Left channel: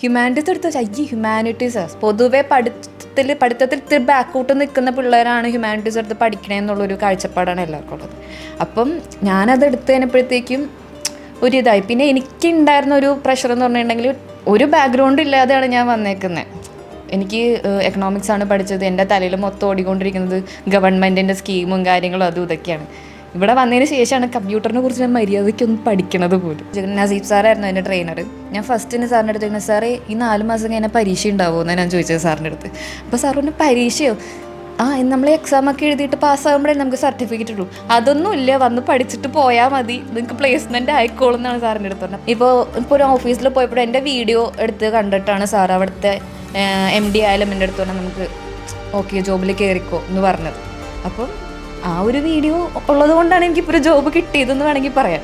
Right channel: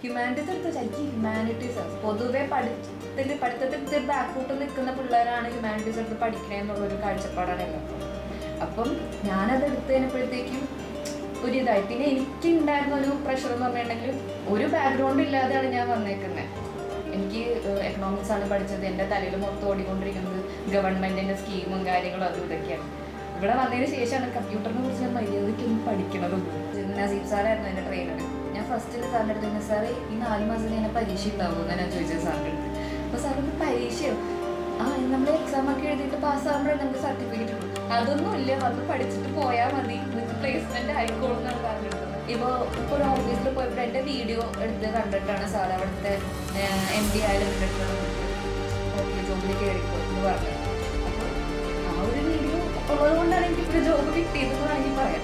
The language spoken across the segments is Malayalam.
ഹ്യൂമാനിറ്റീസ് എടുത്ത് വെച്ചാൽ ഹ്യൂമാനിറ്റീസ് പൊതുവെ പഠിത്തത്തിൽ ഇത്തിരി ബാക്കൗട്ട് നിൽക്കുന്ന പിള്ളേരാണ് ഹ്യൂമാനിറ്റീസ് എടുത്ത് പഠിക്കണമെന്നുള്ളൊരു കാഴ്ചപ്പാടാണ് എല്ലാവർക്കും ഉള്ളത്. അപ്പം ഞാനത് എടുത്ത് കഴിഞ്ഞപ്പോഴത്തേക്കും ഒരിതായി. പിന്നെ എനിക്കുണ്ടായിരുന്ന ഒരു പ്രഷർ എന്ന് പറഞ്ഞിട്ടുണ്ടെങ്കിൽ ഒരു ബാക്ക്ഗ്രൗണ്ട് ഇല്ലാതെയാണ് ഞാൻ വന്നേക്കുന്നത്. എനിക്ക് എക്കണോമിക്സ് ആണ് പഠിച്ചത്. എൻ്റെ തലയിൽ മൊത്തം ഓടിക്കൊണ്ടിരിക്കുന്നത് ഗവൺമെൻറ്റിൻ്റെ സ്കീമും കാര്യങ്ങളും അതും ഇതൊക്കെയാണ്. ഇവിടെ വന്നതിന് ശേഷമാണ് കമ്പ്യൂട്ടറിനെ കുറിച്ച് ഞാൻ മര്യാദയ്ക്കൊന്നും പഠിക്കണത് പോലും. നസീബ് സാറായിരുന്നു എൻ്റെ ട്രെയിനർ. ഞാൻ ഫസ്റ്റിന് സാറിൻ്റെ അടുത്ത് സാറേ ഈ 4 മാസം കഴിഞ്ഞാൽ പരീക്ഷ ഉണ്ടാവുമോ എന്നാണ് ഞാൻ ചോദിച്ചത് സാറിൻ്റെ അടുത്ത്. അപ്പോൾ സാർ പറഞ്ഞു പരീക്ഷയോ? നമ്മൾ എക്സാമൊക്കെ എഴുതിയിട്ട് പാസ്സാകുമ്പോഴേ നമുക്ക് സർട്ടിഫിക്കറ്റ് ഉള്ളൂ. അതൊന്നും ഇല്ല, വന്ന് പഠിച്ചിട്ട് പോയാൽ മതി, നിങ്ങൾക്ക് പ്ലേസ്മെൻറ്റ് ആയിക്കോളും എന്നാണ് സാറിൻ്റെ അടുത്ത് പറഞ്ഞത്. ഇപ്പോൾ ഒരു ഓഫീസിൽ പോയപ്പോൾ എൻ്റെ വീഡിയോ എടുത്ത് കണ്ടിട്ടാണ് സാർ അവിടുത്തെ MD ആയാലും എൻ്റെ അടുത്ത് പറഞ്ഞാൽ നമുക്ക് ഓക്കെ ജോബിൽ കയറിക്കോ എന്ന് പറഞ്ഞത്. അപ്പോൾ ആ ഒരു വീഡിയോ ഉള്ളത് കൊണ്ടാണ് എനിക്കിപ്പോൾ ഒരു ജോബ് കിട്ടിയതെന്ന് വേണമെങ്കിൽ പറയാം.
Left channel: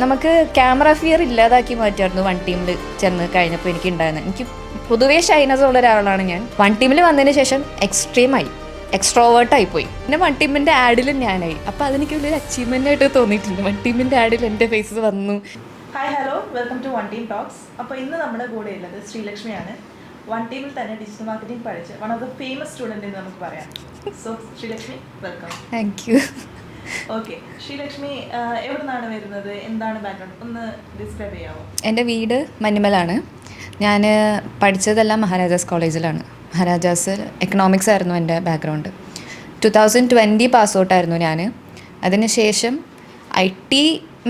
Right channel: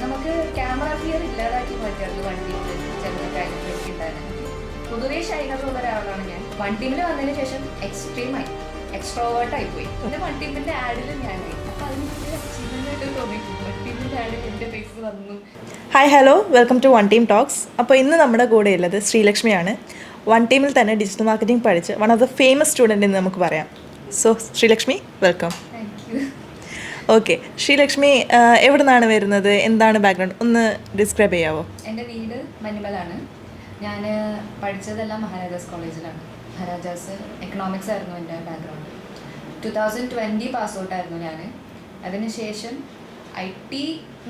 നമുക്ക് ക്യാമറ ഫിയർ ഇല്ലാതാക്കി മാറ്റായിരുന്നു വൺ ടീമിൽ ചെന്ന് കഴിഞ്ഞപ്പോൾ എനിക്കുണ്ടായിരുന്നത്. എനിക്ക് പൊതുവേ ഷൈനസ് ഉള്ള ഒരാളാണ് ഞാൻ. വൺ ടീമിൽ വന്നതിന് ശേഷം എക്സ്ട്രോവേർട്ടായി പോയി. പിന്നെ വൺ ടീമിൻ്റെ ആഡിലും ഞാനായി. അപ്പോൾ അതെനിക്ക് വലിയൊരു അച്ചീവ്മെൻ്റ് ആയിട്ട് തോന്നിയിട്ടുണ്ട്. വൺ ടീമിൻ്റെ ആഡിൽ എൻ്റെ ഫേസ് വന്നു. Hi hello, welcome to one team talks. അപ്പോൾ ഇന്ന് നമ്മുടെ കൂടെ ഉള്ളത് ശ്രീലക്ഷ്മിയാണ്. വൺ ടീമിൽ തന്നെ ഡിജിറ്റൽ മാർക്കറ്റിംഗ് പഠിച്ച് one of the famous student എന്ന് നമുക്ക് പറയാം. So Sreelakshmi, welcome. Thank you. Okay, Sreelakshmi എവിടെ നിന്നാണ് വരുന്നത്, എന്താണ് ബാക്ക്ഗ്രൗണ്ട്, ഒന്ന് ഡിസ്ക്രൈബ് ചെയ്യാമോ? എൻ്റെ വീട് മഞ്ഞുമലാണ്. ഞാൻ പഠിച്ചതെല്ലാം മഹാരാജാസ് കോളേജിലാണ്. മഹാരാജാസ് എക്കണോമിക്സ് ആയിരുന്നു എൻ്റെ ബാക്ക്ഗ്രൗണ്ട്. 2020 പാസ് ഔട്ടായിരുന്നു ഞാൻ. അതിനുശേഷം IT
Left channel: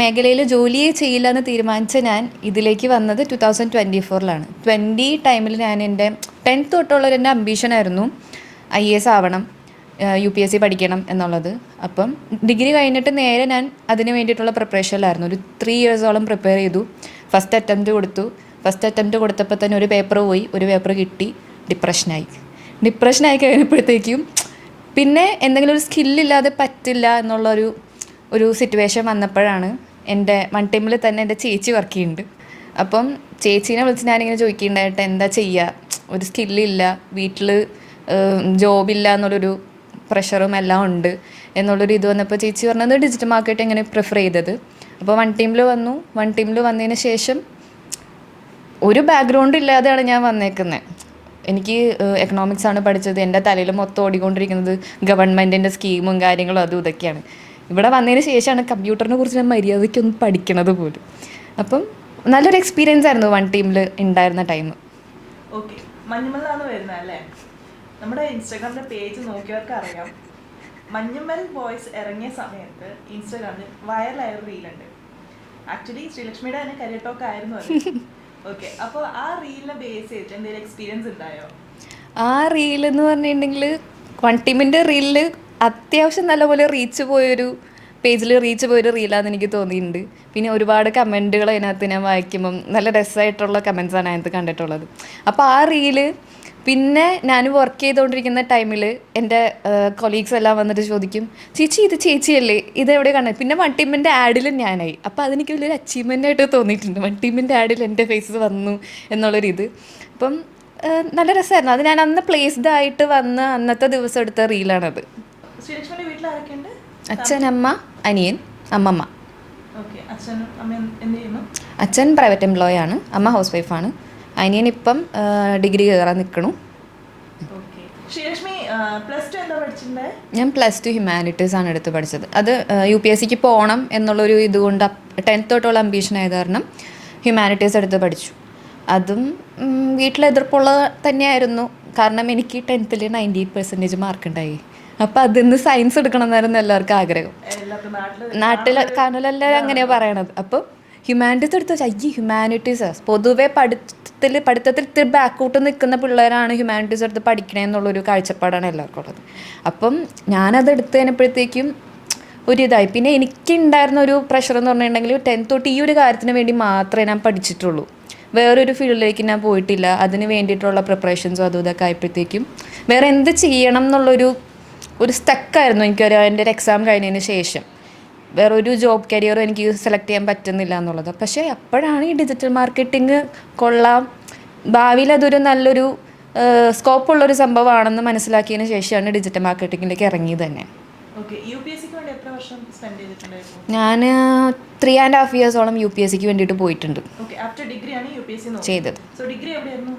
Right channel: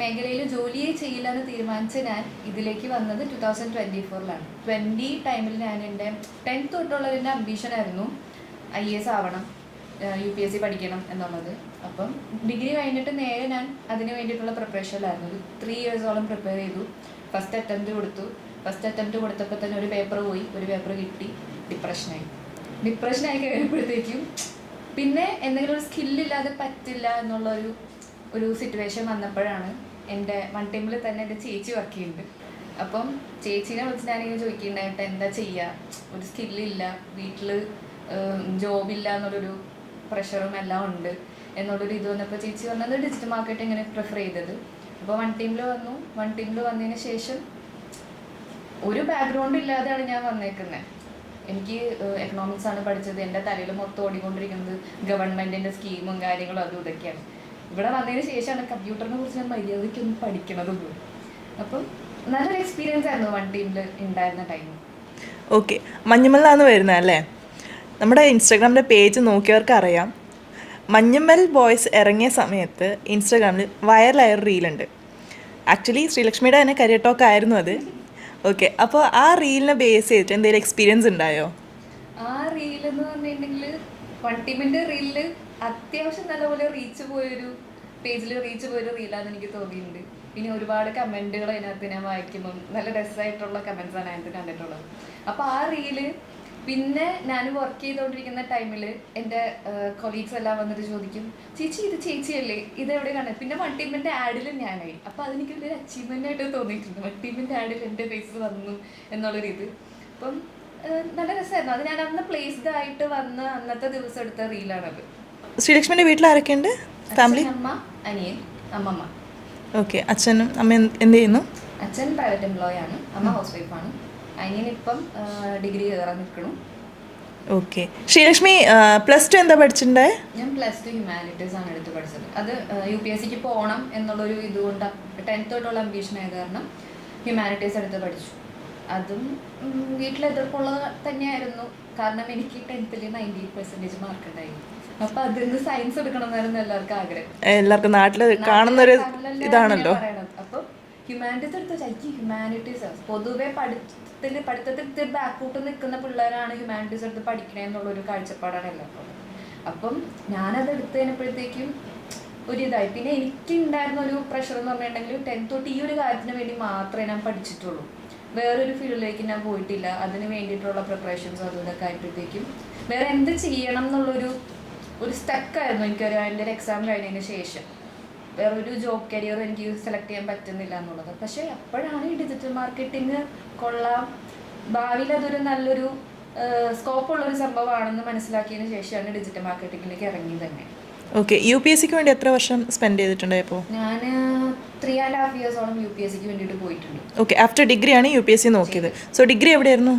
മേഖലയിൽ ജോലിയെ ചെയ്യില്ല എന്ന് തീരുമാനിച്ച ഞാൻ ഇതിലേക്ക് വന്നത് 2024 20 ടൈമിൽ ഞാൻ എൻ്റെ 10th തൊട്ടുള്ളൊരു എൻ്റെ അംബീഷനായിരുന്നു IAS ആവണം, UPSC പഠിക്കണം എന്നുള്ളത്. അപ്പം ഡിഗ്രി കഴിഞ്ഞിട്ട് നേരെ ഞാൻ അതിന് വേണ്ടിയിട്ടുള്ള പ്രിപ്പറേഷനിലായിരുന്നു. ഒരു 3 ഇയേഴ്സോളം പ്രിപ്പയർ ചെയ്തു. ഫസ്റ്റ് അറ്റംപ്റ്റ് കൊടുത്തപ്പോൾ തന്നെ ഒരു പേപ്പർ പോയി, ഒരു പേപ്പർ കിട്ടി. ഡിപ്രഷനായി കഴിഞ്ഞപ്പോഴത്തേക്കും പിന്നെ എന്തെങ്കിലും ഒരു സ്കില്ലില്ലാതെ പറ്റില്ല എന്നുള്ളൊരു സിറ്റുവേഷൻ വന്നപ്പോഴാണ് എൻ്റെ വൺ ടീമിൽ തന്നെ എൻ്റെ ചേച്ചി വർക്ക് ചെയ്യുന്നുണ്ട്. അപ്പം ചേച്ചീനെ വിളിച്ച് ഞാനിങ്ങനെ ചോദിക്കുന്നുണ്ടായിട്ട് എന്താ ചെയ്യുക, ഒരു സ്കില്ലില്ല, വീട്ടിൽ ജോബില്ല എന്നുള്ളൊരു പ്രഷറും എല്ലാം ഉണ്ട് എന്നുള്ളൊരു ഇത് വന്നപ്പോൾ ചേച്ചി പറഞ്ഞത് ഡിജിറ്റൽ മാർക്കറ്റിംഗ് പ്രിഫർ ചെയ്തത്. അപ്പോൾ വൺ ടീമിൽ വന്നതിന് ശേഷം ഒരു ബാക്ക്ഗ്രൗണ്ട് ഇല്ലാതെയാണ് ഞാൻ വന്നേക്കുന്നത്. എനിക്ക് എക്കണോമിക്സ് ആണ് പഠിച്ചത്. എൻ്റെ തലയിൽ മൊത്തം ഓടിക്കൊണ്ടിരിക്കുന്നത് ഗവൺമെൻറ്റിൻ്റെ സ്കീമും കാര്യങ്ങളും അതും ഇതൊക്കെയാണ്. ഇവിടെ വന്നതിന് ശേഷമാണ് കമ്പ്യൂട്ടറിനെ കുറിച്ച് ഞാൻ മര്യാദയ്ക്കൊന്നും പഠിക്കണത് പോലും. അപ്പം നല്ലൊരു എക്സ്പീരിയൻസ് ആയിരുന്നു വൺ ടീമിൽ ഉണ്ടായിരുന്ന ടൈം. ഓക്കെ, മഞ്ഞുമലാണ് വരുന്നത് അല്ലേ? നമ്മുടെ ഇൻസ്റ്റാഗ്രാമിൻ്റെ പേജ് നോക്കിയവർക്ക് അറിയാം, മഞ്ഞുമൽ ബോയ്സ് ഇറങ്ങിയ സമയത്ത് ഇൻസ്റ്റാഗ്രാമിൽ വൈറലായൊരു റീലുണ്ട്. ആക്ച്വലി ശ്രീലക്ഷ്മിയുടെ തന്നെ കരിയർ ടോക്ക് ആയിരുന്നു അത്. ഓക്കെ, അപ്പോൾ ആ റീലിനെ ബേസ് ചെയ്തിട്ട് എന്തെങ്കിലും എക്സ്പീരിയൻസ് ഉണ്ടായോ? ആ റീലെന്ന് പറഞ്ഞിട്ടുണ്ടെങ്കിൽ വൺ ടീമിൻ്റെ റീലിൽ അത്യാവശ്യം നല്ലപോലെ പേജിൽ റീച്ച് പോയൊരു റീലാണെന്ന് എനിക്ക് തോന്നിയിട്ടുണ്ട്. പിന്നെ ഒരുപാട് കമൻറ്റുകൾ അതിനകത്ത് ഞാൻ വായിക്കുമ്പം നല്ല രസമായിട്ടുള്ള കമൻസാണ് അതിനകത്ത് കണ്ടിട്ടുള്ളത്. അപ്പോൾ ആ റീല് പിന്നെ ഞാൻ വർക്ക് ചെയ്തുകൊണ്ടിരിക്കുന്ന ടൈമിൽ എൻ്റെ കൊളീഗ്സ് എല്ലാം വന്നിട്ട് ചോദിക്കും, ഇത് ചേച്ചിയല്ലേ, ഇതെവിടെ കണ്ടത്? പിന്നെ വൺ ടീമിൻ്റെ ആഡിലും ഞാനായി. അപ്പോൾ അതെനിക്ക് വലിയൊരു അച്ചീവ്മെൻ്റ് ആയിട്ട് തോന്നിയിട്ടുണ്ട്. വൺ ടീമിൻ്റെ ആഡിൽ എൻ്റെ ഫേസ് വന്നു എന്നുള്ളൊരിത്. അപ്പം നല്ല രസമായിരുന്നു. അത് ഞാൻ അന്ന് പ്ലേസ്ഡ് ആയിട്ട് വന്ന് അന്നത്തെ ദിവസം എടുത്ത റീലാണത്. ശ്രീലക്ഷ്മിൻ്റെ വീട്ടിൽ ആരൊക്കെയുണ്ട്? അച്ഛൻ, അമ്മ, അനിയൻ, അമ്മമ്മ. ഓക്കെ, അച്ഛനും അമ്മ എന്ത് ചെയ്യുന്നു? അച്ഛൻ പ്രൈവറ്റ് എംപ്ലോയി ആണ്, അമ്മ ഹൗസ് വൈഫാണ്. അനിയൻ ഇപ്പം ഡിഗ്രി കയറാൻ നിൽക്കണു. ഓക്കെ, ശ്രീലക്ഷ്മി +2 എന്താ പഠിച്ചിട്ടുണ്ടേ? ഞാൻ +2 ഹ്യൂമാനിറ്റീസ് ആണ് എടുത്ത് പഠിച്ചത്. അത് UPSCക്ക് പോകണം എന്നുള്ളൊരു ഇതുകൊണ്ട് 10th തൊട്ടുള്ള അംബീഷൻ ആയത് കാരണം ഹ്യൂമാനിറ്റീസ് എടുത്ത് പഠിച്ചു. അതും വീട്ടിലെതിർപ്പുള്ള തന്നെയായിരുന്നു. കാരണം എനിക്ക് 10th 98% മാർക്ക് ഉണ്ടായി. അപ്പോൾ അതിന്ന് സയൻസ് എടുക്കണം എന്നായിരുന്നു എല്ലാവർക്കും ആഗ്രഹം. എല്ലാവർക്കും നാട്ടിൽ കാണലെല്ലാം അങ്ങനെയാണ് പറയണത്. അപ്പോൾ ഹ്യൂമാനിറ്റീസ് എടുത്ത് വെച്ചാൽ ഹ്യൂമാനിറ്റീസ് പൊതുവെ പഠിത്തത്തിൽ ഇത്തിരി ബാക്കൗട്ട് നിൽക്കുന്ന പിള്ളേരാണ് ഹ്യൂമാനിറ്റീസ് എടുത്ത് പഠിക്കണമെന്നുള്ളൊരു കാഴ്ചപ്പാടാണ് എല്ലാവർക്കും ഉള്ളത്. അപ്പം ഞാനത് എടുത്ത് കഴിഞ്ഞപ്പോഴത്തേക്കും ഒരിതായി. പിന്നെ എനിക്കുണ്ടായിരുന്ന ഒരു പ്രഷർ എന്ന് പറഞ്ഞിട്ടുണ്ടെങ്കിൽ 10th തൊട്ട് ഈ ഒരു കാര്യത്തിന് വേണ്ടി മാത്രമേ ഞാൻ പഠിച്ചിട്ടുള്ളൂ. വേറൊരു ഫീൽഡിലേക്ക് ഞാൻ പോയിട്ടില്ല. അതിന് വേണ്ടിയിട്ടുള്ള പ്രിപ്പറേഷൻസും അതും ഇതൊക്കെ ആയപ്പോഴത്തേക്കും വേറെ എന്ത് ചെയ്യണം എന്നുള്ളൊരു സ്റ്റക്കായിരുന്നു എനിക്കൊരു എൻ്റെ ഒരു എക്സാം കഴിഞ്ഞതിന് ശേഷം. വേറൊരു ജോബ് കരിയറും എനിക്ക് സെലക്ട് ചെയ്യാൻ പറ്റുന്നില്ല എന്നുള്ളത്. പക്ഷേ അപ്പോഴാണ് ഈ ഡിജിറ്റൽ മാർക്കറ്റിംഗ് കൊള്ളാം, ഭാവിയിൽ അതൊരു നല്ലൊരു സ്കോപ്പുള്ളൊരു സംഭവമാണെന്ന് മനസ്സിലാക്കിയതിന് ശേഷമാണ് ഡിജിറ്റൽ മാർക്കറ്റിങ്ങിലേക്ക് ഇറങ്ങിയത് തന്നെ. ഓക്കെ. UPSCക്ക് വേണ്ടി എത്ര വർഷം സ്പെൻഡ് ചെയ്തിട്ടുണ്ടായപ്പോൾ? ഞാൻ 3.5 ഇയേഴ്സോളം UPSCക്ക് വേണ്ടിയിട്ട് പോയിട്ടുണ്ട്. ഓക്കെ. ആഫ്റ്റർ ഡിഗ്രിയാണ് UPSC നോക്കിയത്. സോ ഡിഗ്രി എവിടെയായിരുന്നു?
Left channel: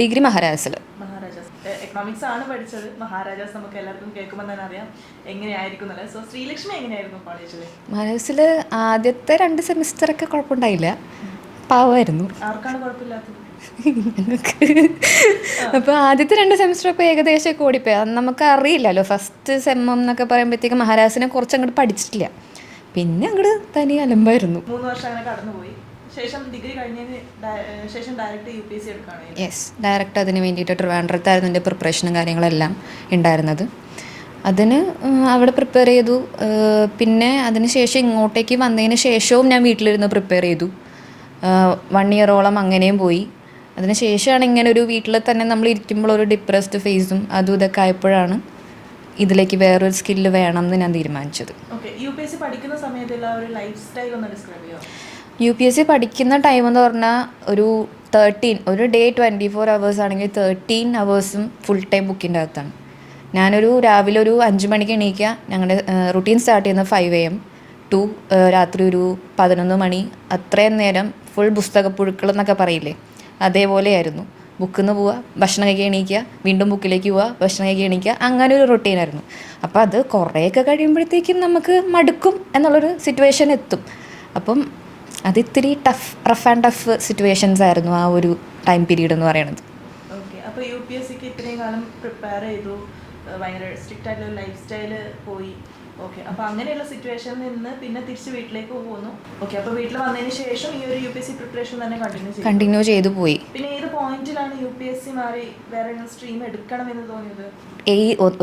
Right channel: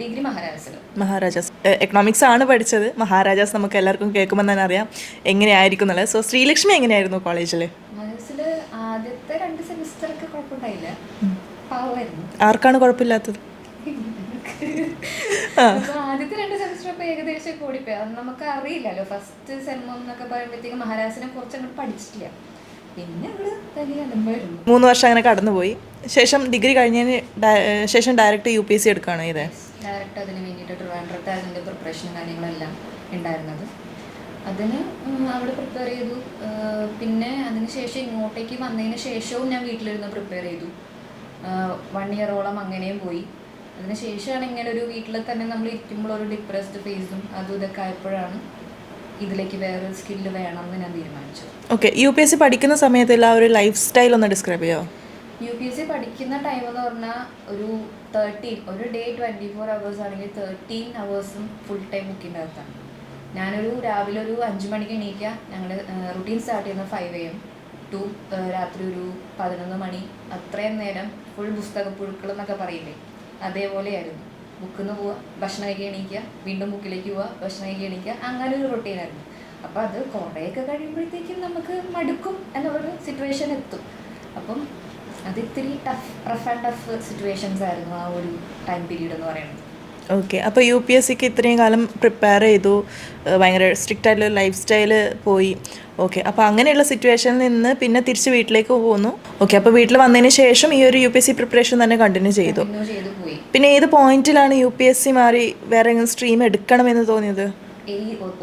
ഡിഗ്രി മഹാരാജാസിൽ. മഹാരാജാസ്. എക്കണോമിക്സ് ആണ് പഠിച്ചത്. മഹാരാജാസ് നമുക്ക് എല്ലാവർക്കും കേൾക്കുമ്പോൾ തന്നെ അറിയാം എങ്ങനെയായിരിക്കും എന്നുള്ളത്. സോ ശ്രീലക്ഷ്മി എങ്ങനെയായിരുന്നു കോളേജിൽ? മഹാരാജാസിൽ ആദ്യത്തെ 2 സെമിസ്റ്ററൊക്കെ കുഴപ്പമുണ്ടായില്ല, പാവമായിരുന്നു. ആർക്കാണ് കുഴപ്പമില്ലാത്തത്? അപ്പോൾ ആദ്യത്തെ 2 സെമിസ്റ്റർ ഏകദേശമൊക്കെ ഓടിപ്പോയി. അത് നമുക്ക് അറിയില്ലല്ലോ, ഫസ്റ്റ് സെമ്മം എന്നൊക്കെ പറയുമ്പോഴത്തേക്ക് മഹാരാജാസിനെ കുറച്ച് അങ്ങോട്ട് പഠിച്ചിട്ടില്ല, പിന്നെ അങ്ങോട്ട് തനി അലമ്പായിരുന്നു. 3 വർഷം അങ്ങനെ കടന്നുപോയി. ശേഷം ഡിഗ്രി കഴിഞ്ഞതിന് ശേഷം ഡയറക്റ്റ് UPSC എടുക്കുകയാണ് ഇത്? ഡയറക്റ്റ് അതിന് വേണ്ടിയിട്ട് ട്രിവാൻഡ്രത്തായിരുന്നു എൻ്റെ പ്രിപ്പറേഷനും കാര്യങ്ങളെല്ലാം ഉണ്ടായിരുന്നത്. അതിന് അവിടെ പ്രിപ്പയർ ചെയ്തു. പിന്നെ അതിന് ശേഷം ഇങ്ങോട്ടേക്ക് വന്നതിന് ശേഷവും ഞാൻ വീട്ടിലിരുന്ന് പ്രിപ്പയർ ചെയ്തു. 1 ഇയറോളം അങ്ങനെയും പോയി. അതിന് ശേഷമാണ് ഇങ്ങനെ ഒരു വീട്ടിൽ തന്നെ നമ്മൾ ഇരിക്കുമ്പോൾ ഒരു ഡിപ്രസ്ഡ് ഫേസും അതും ഇതൊക്കെ ആയപ്പോഴാണ് ഇതിലേക്ക് വേറൊരു സ്കില്ല് വേണം എന്ന് ഞാൻ തീരുമാനിച്ചത്. ഓക്കെ. UPSC പഠിക്കുന്ന സമയത്തുള്ള ഒരു ലൈഫ് സ്റ്റൈൽ ഒന്ന് ഡിസ്ക്രൈബ് ചെയ്യാമോ? UPSC പഠിക്കുന്ന ടൈം എന്ന് പറഞ്ഞാൽ ഒരു ഡേ 24 hours ആണെങ്കിൽ 13 hours ഫുൾ ടൈം ബുക്കിൻ്റെ അകത്താണ്. ഞാനൊരു രാവിലെ ഒരു 5 മണിക്ക് എണീക്കുക. ഞങ്ങളുടെ റുട്ടീൻ സ്റ്റാർട്ട് ചെയ്യുന്നത് 5 AM ടു രാത്രി ഒരു 11 മണി. അത്രയും നേരം ഫുൾ പുസ്തകപ്പുഴുക്കൾ എന്നൊക്കെ പറയില്ലേ, അതേപോലെയായിരുന്നു. ബുക്കിൽ നിന്ന് പോവുക, ഭക്ഷണം കഴിക്കാൻ എണീക്കുക, വീണ്ടും ബുക്കിലേക്ക് പോവുക, ഭക്ഷണം കഴിക്കാൻ എണീക്കുക, അങ്ങനെ ഒരു റൊട്ടീനായിരുന്നു. അപ്പോൾ അത് കുറേയൊക്കെ കഴിയുമ്പോഴത്തേക്കും നമുക്ക് മടുക്കും എന്നുള്ളൊരു സിറ്റുവേഷൻ എത്തും. അപ്പം അത് ഇത്തിരി റഫ് ആൻഡ് ടഫ് സിറ്റുവേഷൻസ് ആയിരുന്നു ആ ഒരു ടൈം പീരീഡ് എന്ന് പറയുന്നത്. ഓക്കെ. അപ്പോൾ UPSCക്ക് ഇത്രയും കാലം പ്രിപ്പയർ ചെയ്തു, ഭയങ്കര സ്ട്രിക്റ്റ് ആയിട്ടുള്ള ലൈഫ് സ്റ്റൈല് പോയി. ഓക്കെ. അപ്പോൾ അങ്ങനെയുള്ള സിറ്റുവേഷനിൽ നിന്ന് പിന്നെ തിരിച്ച് വീട്ടിലേക്ക് പോകുന്നു. ഓക്കെ. അപ്പോൾ വീട്ടിൽ വന്നതിന് ശേഷം ഈ ഒരു UPSC പ്രിപ്പറേഷൻ തന്നെ കണ്ടിന്യൂ ചെയ്തു പോയി. പിന്നെ ഏത് പോയിന്റിലാണ് UPSC മാറി വേറെ സ്ട്രീം എടുക്കണമെന്ന് തോന്നിയത്?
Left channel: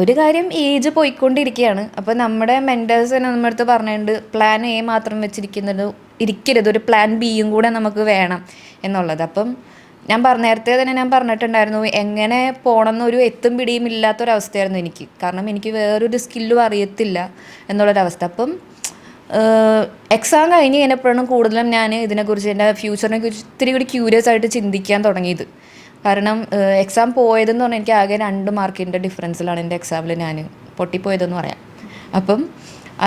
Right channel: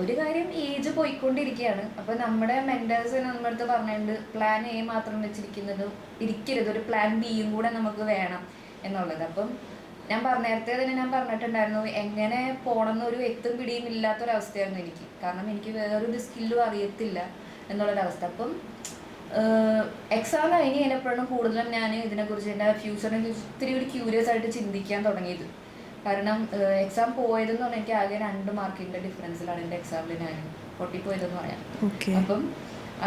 ഒരു കാര്യം, ഏജ് പോയിക്കൊണ്ടിരിക്കുകയാണ്. അപ്പോൾ നമ്മുടെ മെൻറ്റേഴ്സ് തന്നെ നമ്മുടെ അടുത്ത് പറഞ്ഞിട്ടുണ്ട്, പ്ലാൻ A മാത്രം ഇരിക്കരുത്, ഒരു പ്ലാൻ Bയും കൂടെ നമുക്ക് വേണം എന്നുള്ളത്. അപ്പം നേരത്തെ തന്നെ ഞാൻ പറഞ്ഞിട്ടുണ്ടായിരുന്നു, എങ്ങനെ പോകണമെന്നൊരു എത്തും പിടിയും ഇല്ലാത്തൊരവസ്ഥയായിരുന്നു എനിക്ക്. കാരണം എനിക്ക് വേറൊരു സ്കില്ലും അറിയത്തില്ല എന്നുള്ളൊരവസ്ഥ. അപ്പം എക്സാം കഴിഞ്ഞ് കഴിഞ്ഞപ്പോഴാണ് കൂടുതലും ഞാൻ ഇതിനെക്കുറിച്ച്, എൻ്റെ ഫ്യൂച്ചറിനെ കുറിച്ച് ഇത്തിരി കൂടി ക്യൂരിയസ് ആയിട്ട് ചിന്തിക്കാൻ തുടങ്ങിയത്. കാരണം എക്സാം പോയതെന്ന് പറഞ്ഞാൽ എനിക്ക് ആകെ 2 മാർക്കിൻ്റെ ഡിഫറൻസിലാണ് എൻ്റെ എക്സാമിൽ ഞാൻ പൊട്ടിപ്പോയതെന്ന് പറയാം. അപ്പം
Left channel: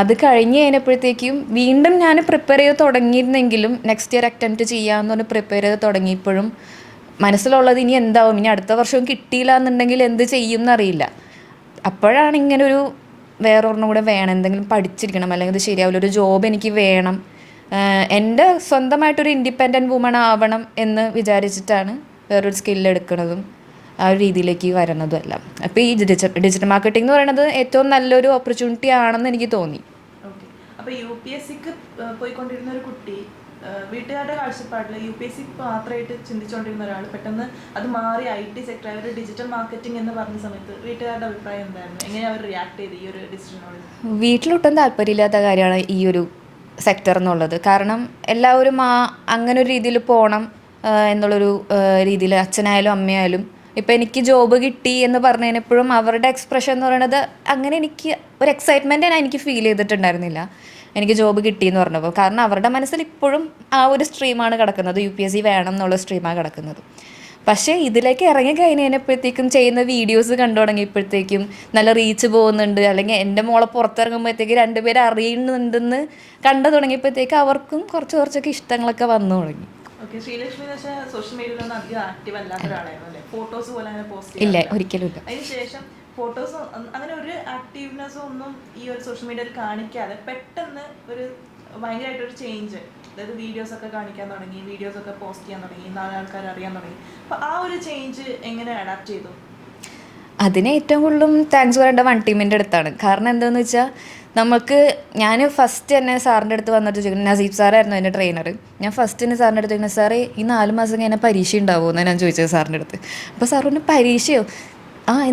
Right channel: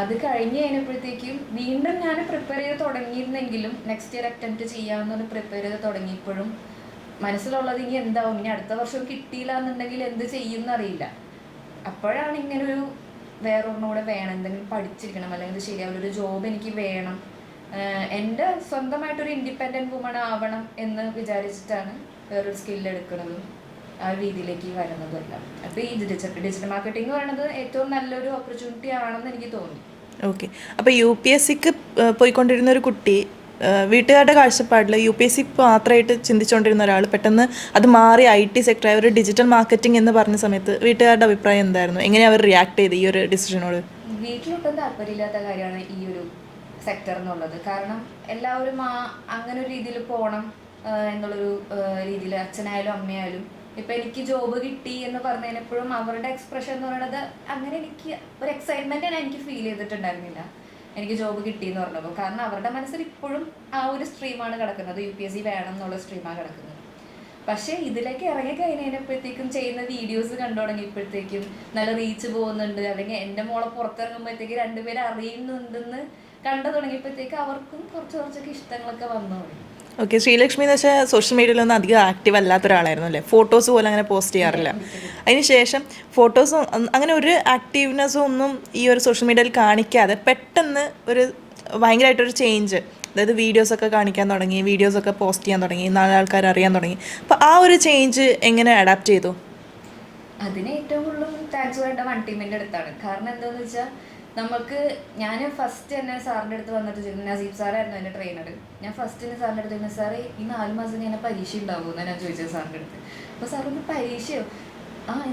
അത് കഴിഞ്ഞ് കഴിഞ്ഞപ്പോഴത്തേക്കും വീണ്ടും ഞാൻ പ്രിപ്പയർ ചെയ്ത് തുടങ്ങിയിരുന്നെങ്കിലും നെക്സ്റ്റ് ഇയർ അറ്റംപ്റ്റ് ചെയ്യാമെന്ന് പറഞ്ഞ് പ്രിപ്പയർ ചെയ്ത് തുടങ്ങിയപ്പോഴും മനസ്സിലുള്ളത് ഇനി എന്താവും, ഇനി അടുത്ത വർഷവും കിട്ടിയില്ല എന്നുണ്ടെങ്കിൽ എന്ത് ചെയ്യും എന്നറിയില്ല. അപ്പോഴാണ് ഇങ്ങനൊരു വേറൊരെണ്ണം കൂടെ വേണം, എന്തെങ്കിലും പഠിച്ചിരിക്കണം, അല്ലെങ്കിൽ ഇത് ശരിയാവില്ല, ഒരു ജോബ് എനിക്ക് വേണം, എൻ്റെ സ്വന്തമായിട്ടൊരു ഇൻഡിപെൻഡൻറ്റ് വുമൺ ആവണം എന്ന് വിചാരിച്ചിട്ടാണ് വേറൊരു സ്കില്ല് എടുക്കുന്നതും ആ ഒരു രീതിയിലേക്ക് വരുന്നതും എല്ലാം. അപ്പോൾ ഈ ഡിജിറ്റൽ മാർക്കറ്റിംഗ് എന്ന് പറയുന്നത് ഏറ്റവും നല്ലൊരു ഓപ്പർച്യൂണിറ്റി ആണെന്ന് എനിക്ക് തോന്നി. ഓക്കെ. അപ്പോൾ UPSCക്ക് പോയിക്കൊണ്ടിരുന്ന ഒരു കുട്ടി, വീട്ടുകാരുടെ കാഴ്ചപ്പാടിൽ UPSC മാത്രമായിട്ട് ചിന്തിച്ചുകൊണ്ടിരുന്ന ഒരാൾ പെട്ടെന്ന് അത് മാറി IT സെക്ടറായ ഒരു ഡിജിറ്റൽ മാർക്കറ്റിംഗ് എന്ന് പറഞ്ഞ സമയത്ത് വീട്ടുകാരുടെ അഭിപ്രായം എന്തായിരുന്നു? എങ്ങനെ അവർ റിയാക്ട് ചെയ്ത് ഈ ഒരു ഡിസിഷനോട്? വീട്ടിലൊട്ടും താല്പര്യമില്ലാത്ത കാര്യമാണ് ഈ ഒരു സെക്ടർ എന്നുള്ളത്. കാരണം എല്ലാവരും അങ്ങനെ ഒരു രീതിയിൽ പോകണം എന്നുള്ളൊരു രീതിയിൽ, അച്ഛനായാലും അമ്മയായാലും. ഇപ്പം എനിക്ക് ജോബ് കിട്ടി എന്ന് പറഞ്ഞതിനെപ്പോഴും അവരുടെ എക്സ്പ്രഷൻ എന്ന് പറയുന്നത് അങ്ങനെ എനിക്ക് ഒരു എക്സൈറ്റ്മെൻറ്റ് എനിക്ക് ഫീൽ ചെയ്തിട്ടുണ്ടായിരുന്നില്ല എനിക്ക് ജോബ് കിട്ടിയെന്ന് പറഞ്ഞപ്പോൾ. കാരണം അവരുടെ മനസ്സിൽ ഇപ്പോഴും ആ ഒരു സ്ട്രീമാണ് കിടക്കുന്നത്, UPSC വേണം എന്നുള്ള സ്ട്രീമാണ് കിടക്കുന്നത്. പക്ഷേ ഇതിലേക്ക് ഇറങ്ങി കഴിഞ്ഞപ്പോഴത്തേക്കും ചെയ്യുന്ന വീഡിയോസ് കണ്ടു തുടങ്ങിയപ്പോഴത്തേക്കും നല്ല റീച്ച് പോകുന്നുണ്ട്, അല്ലെങ്കിൽ എൻ്റെ മോളെ പുറത്തിറങ്ങുമ്പോഴത്തേക്ക് 2 പേര് അറിയുന്നുണ്ടെന്ന് കണ്ടു തുടങ്ങിയപ്പോഴത്തേക്ക് അവർക്കും കുറച്ചൊക്കെ ഇഷ്ടങ്ങളൊക്കെ വന്നു തുടങ്ങി. ഓക്കെ. ശ്രീലക്ഷ്മി എന്ന് വെച്ചാൽ സോഷ്യൽ മീഡിയയിലൊന്നും അധികം ആക്റ്റീവ് അല്ലാത്ത ഒരാളായിരുന്നു അല്ലേ? ഫോട്ടോസ് പോലും അങ്ങനെ പോസ്റ്റ് ചെയ്യാറില്ല. അതിനുശേഷം ഫോട്ടോസും അങ്ങനെ ഒരു ആക്റ്റീവ്നെസ്സും ഒന്നും ഈ ഒരു സോഷ്യൽ മീഡിയയിൽ കാണിക്കാതെ പെട്ടെന്ന് ഒരു ഭയങ്കരമായിട്ടൊരു ചേഞ്ച്, അതായത് വീഡിയോസൊക്കെ കാണിക്കാൻ തുടങ്ങി, വീഡിയോസൊക്കെ പോസ്റ്റ് ചെയ്യാൻ തുടങ്ങി, 4 ആൾക്കാർ അറിയാൻ തുടങ്ങി. അപ്പോൾ ആ ഒരു ചേഞ്ച് എങ്ങനെ അഡാപ്റ്റ് ചെയ്തു? അതിന് ഏറ്റവും കൂടുതലും താങ്ക്സ് പറയേണ്ട വൺ ടീമിൻ്റെ അടുത്താണ്. കാരണം എന്താണെന്ന് വെച്ചാൽ ഞാൻ ഫസ്റ്റ് തന്നെ സാറിൻ്റെ അടുത്ത് വന്നിട്ട് ചോദിക്കുന്നത്, നസീബ് സാറായിരുന്നു എൻ്റെ ട്രെയിനർ. ഞാൻ ഫസ്റ്റ് തന്നെ സാറിൻ്റെ അടുത്ത് ചോദിക്കുന്നത്, സാറേ ഈ 4 മാസം കഴിഞ്ഞാൽ പരീക്ഷ ഉണ്ടാവുമോ എന്നാണ് ഞാൻ ചോദിച്ചത് സാറിൻ്റെ അടുത്ത്. അപ്പോൾ സാർ പറഞ്ഞു, പരീക്ഷയോ?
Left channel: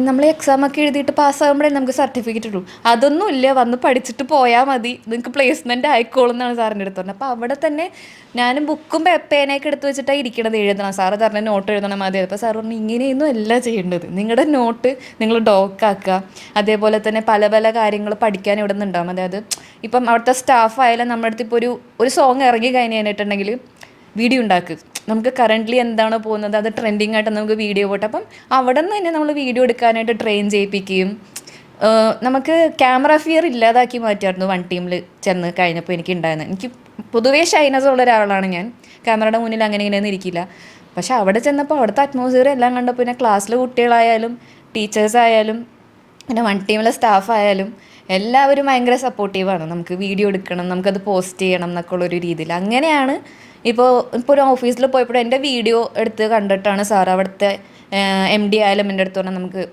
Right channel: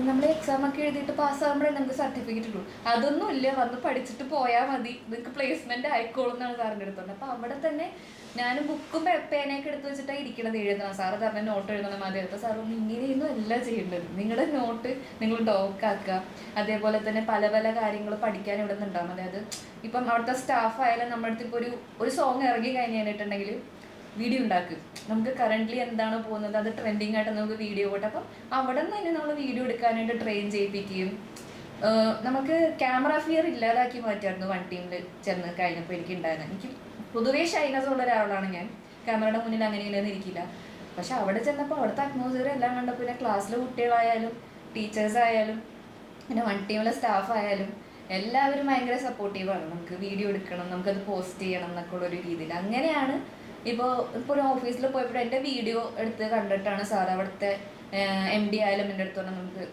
നമ്മൾ എക്സാമൊക്കെ എഴുതിയിട്ട് പാസ്സാകുമ്പോഴേ നമുക്ക് സർട്ടിഫിക്കറ്റ് ഉള്ളൂ, അതൊന്നും ഇല്ല, വന്ന് പഠിച്ചിട്ട് പോയാൽ മതി, നിങ്ങൾക്ക് പ്ലേസ്മെൻറ്റ് ആയിക്കോളും എന്നാണ് സാറിൻ്റെ അടുത്ത് പറഞ്ഞത്. അപ്പോൾ അവിടെ തന്നെ ഞാൻ ബുക്കും പേനയൊക്കെ എടുത്ത് വെച്ചിട്ടാണ് ഇരിക്കണത്, എഴുതണം. സാറ് പറഞ്ഞ നോട്ട് എഴുതണം മതി. അപ്പോൾ സാർ പറഞ്ഞു, ഇങ്ങനെയൊന്നും അല്ല ചെയ്യേണ്ടത്, നിങ്ങളുടെ നോട്ട് നിങ്ങൾ ഡോക്കാക്കുക, അതേപോലെ തന്നെ പല പല കാര്യങ്ങൾ പഠിക്കാൻ ഇവിടെ നിന്നുണ്ടാകും. അതായത് ഇപ്പം അവിടുത്തെ സ്റ്റാഫ് ആയാലും നമ്മുടെ അടുത്ത് ഇപ്പോൾ ഒരു സോങ് ഇറങ്ങി കഴിഞ്ഞിട്ടുണ്ടെങ്കിൽ വീഡിയോ ഉണ്ടാക്കുക, നമുക്ക് കറൻ്റ്ലി എന്താണോ പോകുന്നത് അത് ട്രെൻഡിങ് ആയിട്ട് നമുക്ക് വീഡിയോ പോട്ടെ. അപ്പം അവിടെ നിന്ന് തന്നെ നമ്മൾ വീഡിയോ എടുക്കാനായിട്ട് ട്രെയിൻ ചെയ്യിപ്പിക്കുകയും നമുക്ക് ക്യാമറ ഫിയർ ഇല്ലാതാക്കി മാറ്റിയായിരുന്നു വൺ ടീമിൽ ചെന്ന് കഴിഞ്ഞപ്പോൾ എനിക്ക് ഉണ്ടായിരുന്നത്. എനിക്ക് പൊതുവേ ഷൈനസ് ഉള്ള ഒരാളാണ് ഞാൻ. ക്യാമറയുടെ മുന്നിൽ അങ്ങനെ ഇങ്ങനെയൊന്നും ഇരിക്കില്ല. പക്ഷെ അവിടെ ചെന്നപ്പോൾ അവിടുത്തെ അറ്റ്മോസ്ഫിയർ എല്ലാം കണ്ടപ്പോൾ പിന്നെ ക്ലാസ്സിലെ കുട്ടികളായാലും ടീച്ചേഴ്സ് ആയാലും പിന്നെ വൺ ടീമിലെ സ്റ്റാഫ് ആയാലും എല്ലാവരും ഭയങ്കര സപ്പോർട്ടീവാണ്. നമുക്ക് വീഡിയോ എടുക്കണം, നമുക്കത് പോസ്റ്റ് ചെയ്യണം എന്നൊക്കെ ഉള്ളൊരു രീതിയിൽ. അങ്ങനെയാണ് ഇപ്പോൾ ഒരു ഓഫീസിൽ പോയപ്പോൾ എൻ്റെ വീഡിയോ എടുത്ത് കണ്ടിട്ടാണ് സാർ അവിടുത്തെ MD ആയാലും എൻ്റെ അടുത്ത് പറഞ്ഞാൽ നമുക്ക്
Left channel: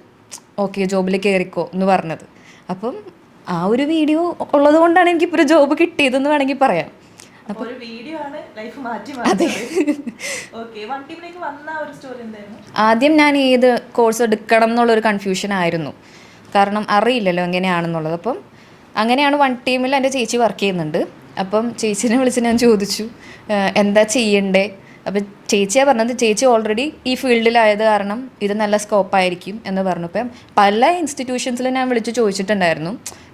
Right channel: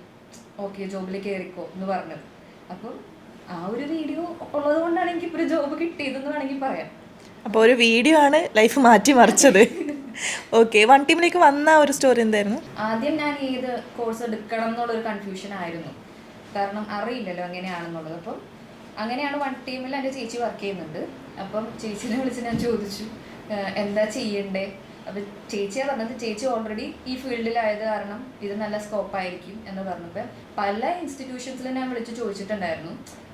ഓക്കെ ജോബിൽ കയറിക്കോ എന്ന് പറഞ്ഞത്. അപ്പം ആ ഒരു വീഡിയോ ഉള്ളത് കൊണ്ടാണ് എനിക്കിപ്പോൾ ഒരു ജോബ് കിട്ടിയതെന്ന് വേണമെങ്കിൽ പറയാം. അപ്പോൾ ഒരു വീഡിയോ ആണ് ലൈഫ് മാറ്റി മറിച്ചത്. ഓക്കെ, വൺ ടീമിലേക്ക് വന്ന ഒരു സ്റ്റോറി എന്തായിരുന്നു? ആദ്യം ഞാൻ ഏത് കോഴ്സ് എടുക്കണം എന്നുള്ളൊരു കൺഫ്യൂഷൻ ആയിരുന്നു. കാരണം അറിയില്ലല്ലോ എങ്ങനെയാണെന്നുള്ളത്. അപ്പം അങ്ങനെയാണ് വൺ ടീമിൽ എൻ്റെ ചേച്ചി വർക്ക് ചെയ്യുന്നുണ്ട്. അപ്പം ചേച്ചീനെ വിളിച്ച് ഞാൻ ചോദിച്ചു എന്താ ചെയ്യണ്ടേ. അപ്പം ചേച്ചിയാണ് പറഞ്ഞത് ചേച്ചി ഓൾറെഡി ഈ ഫീൽഡിലായത് കാരണം ഇത് നല്ല സ്കോപ്പായിരിക്കും എന്ന് പറഞ്ഞു. അപ്പം പല ഇൻസ്റ്റിറ്റ്യൂഷൻസിലും ഞാൻ വിളിച്ച് ചോദിച്ചിട്ടുണ്ടായിരുന്നു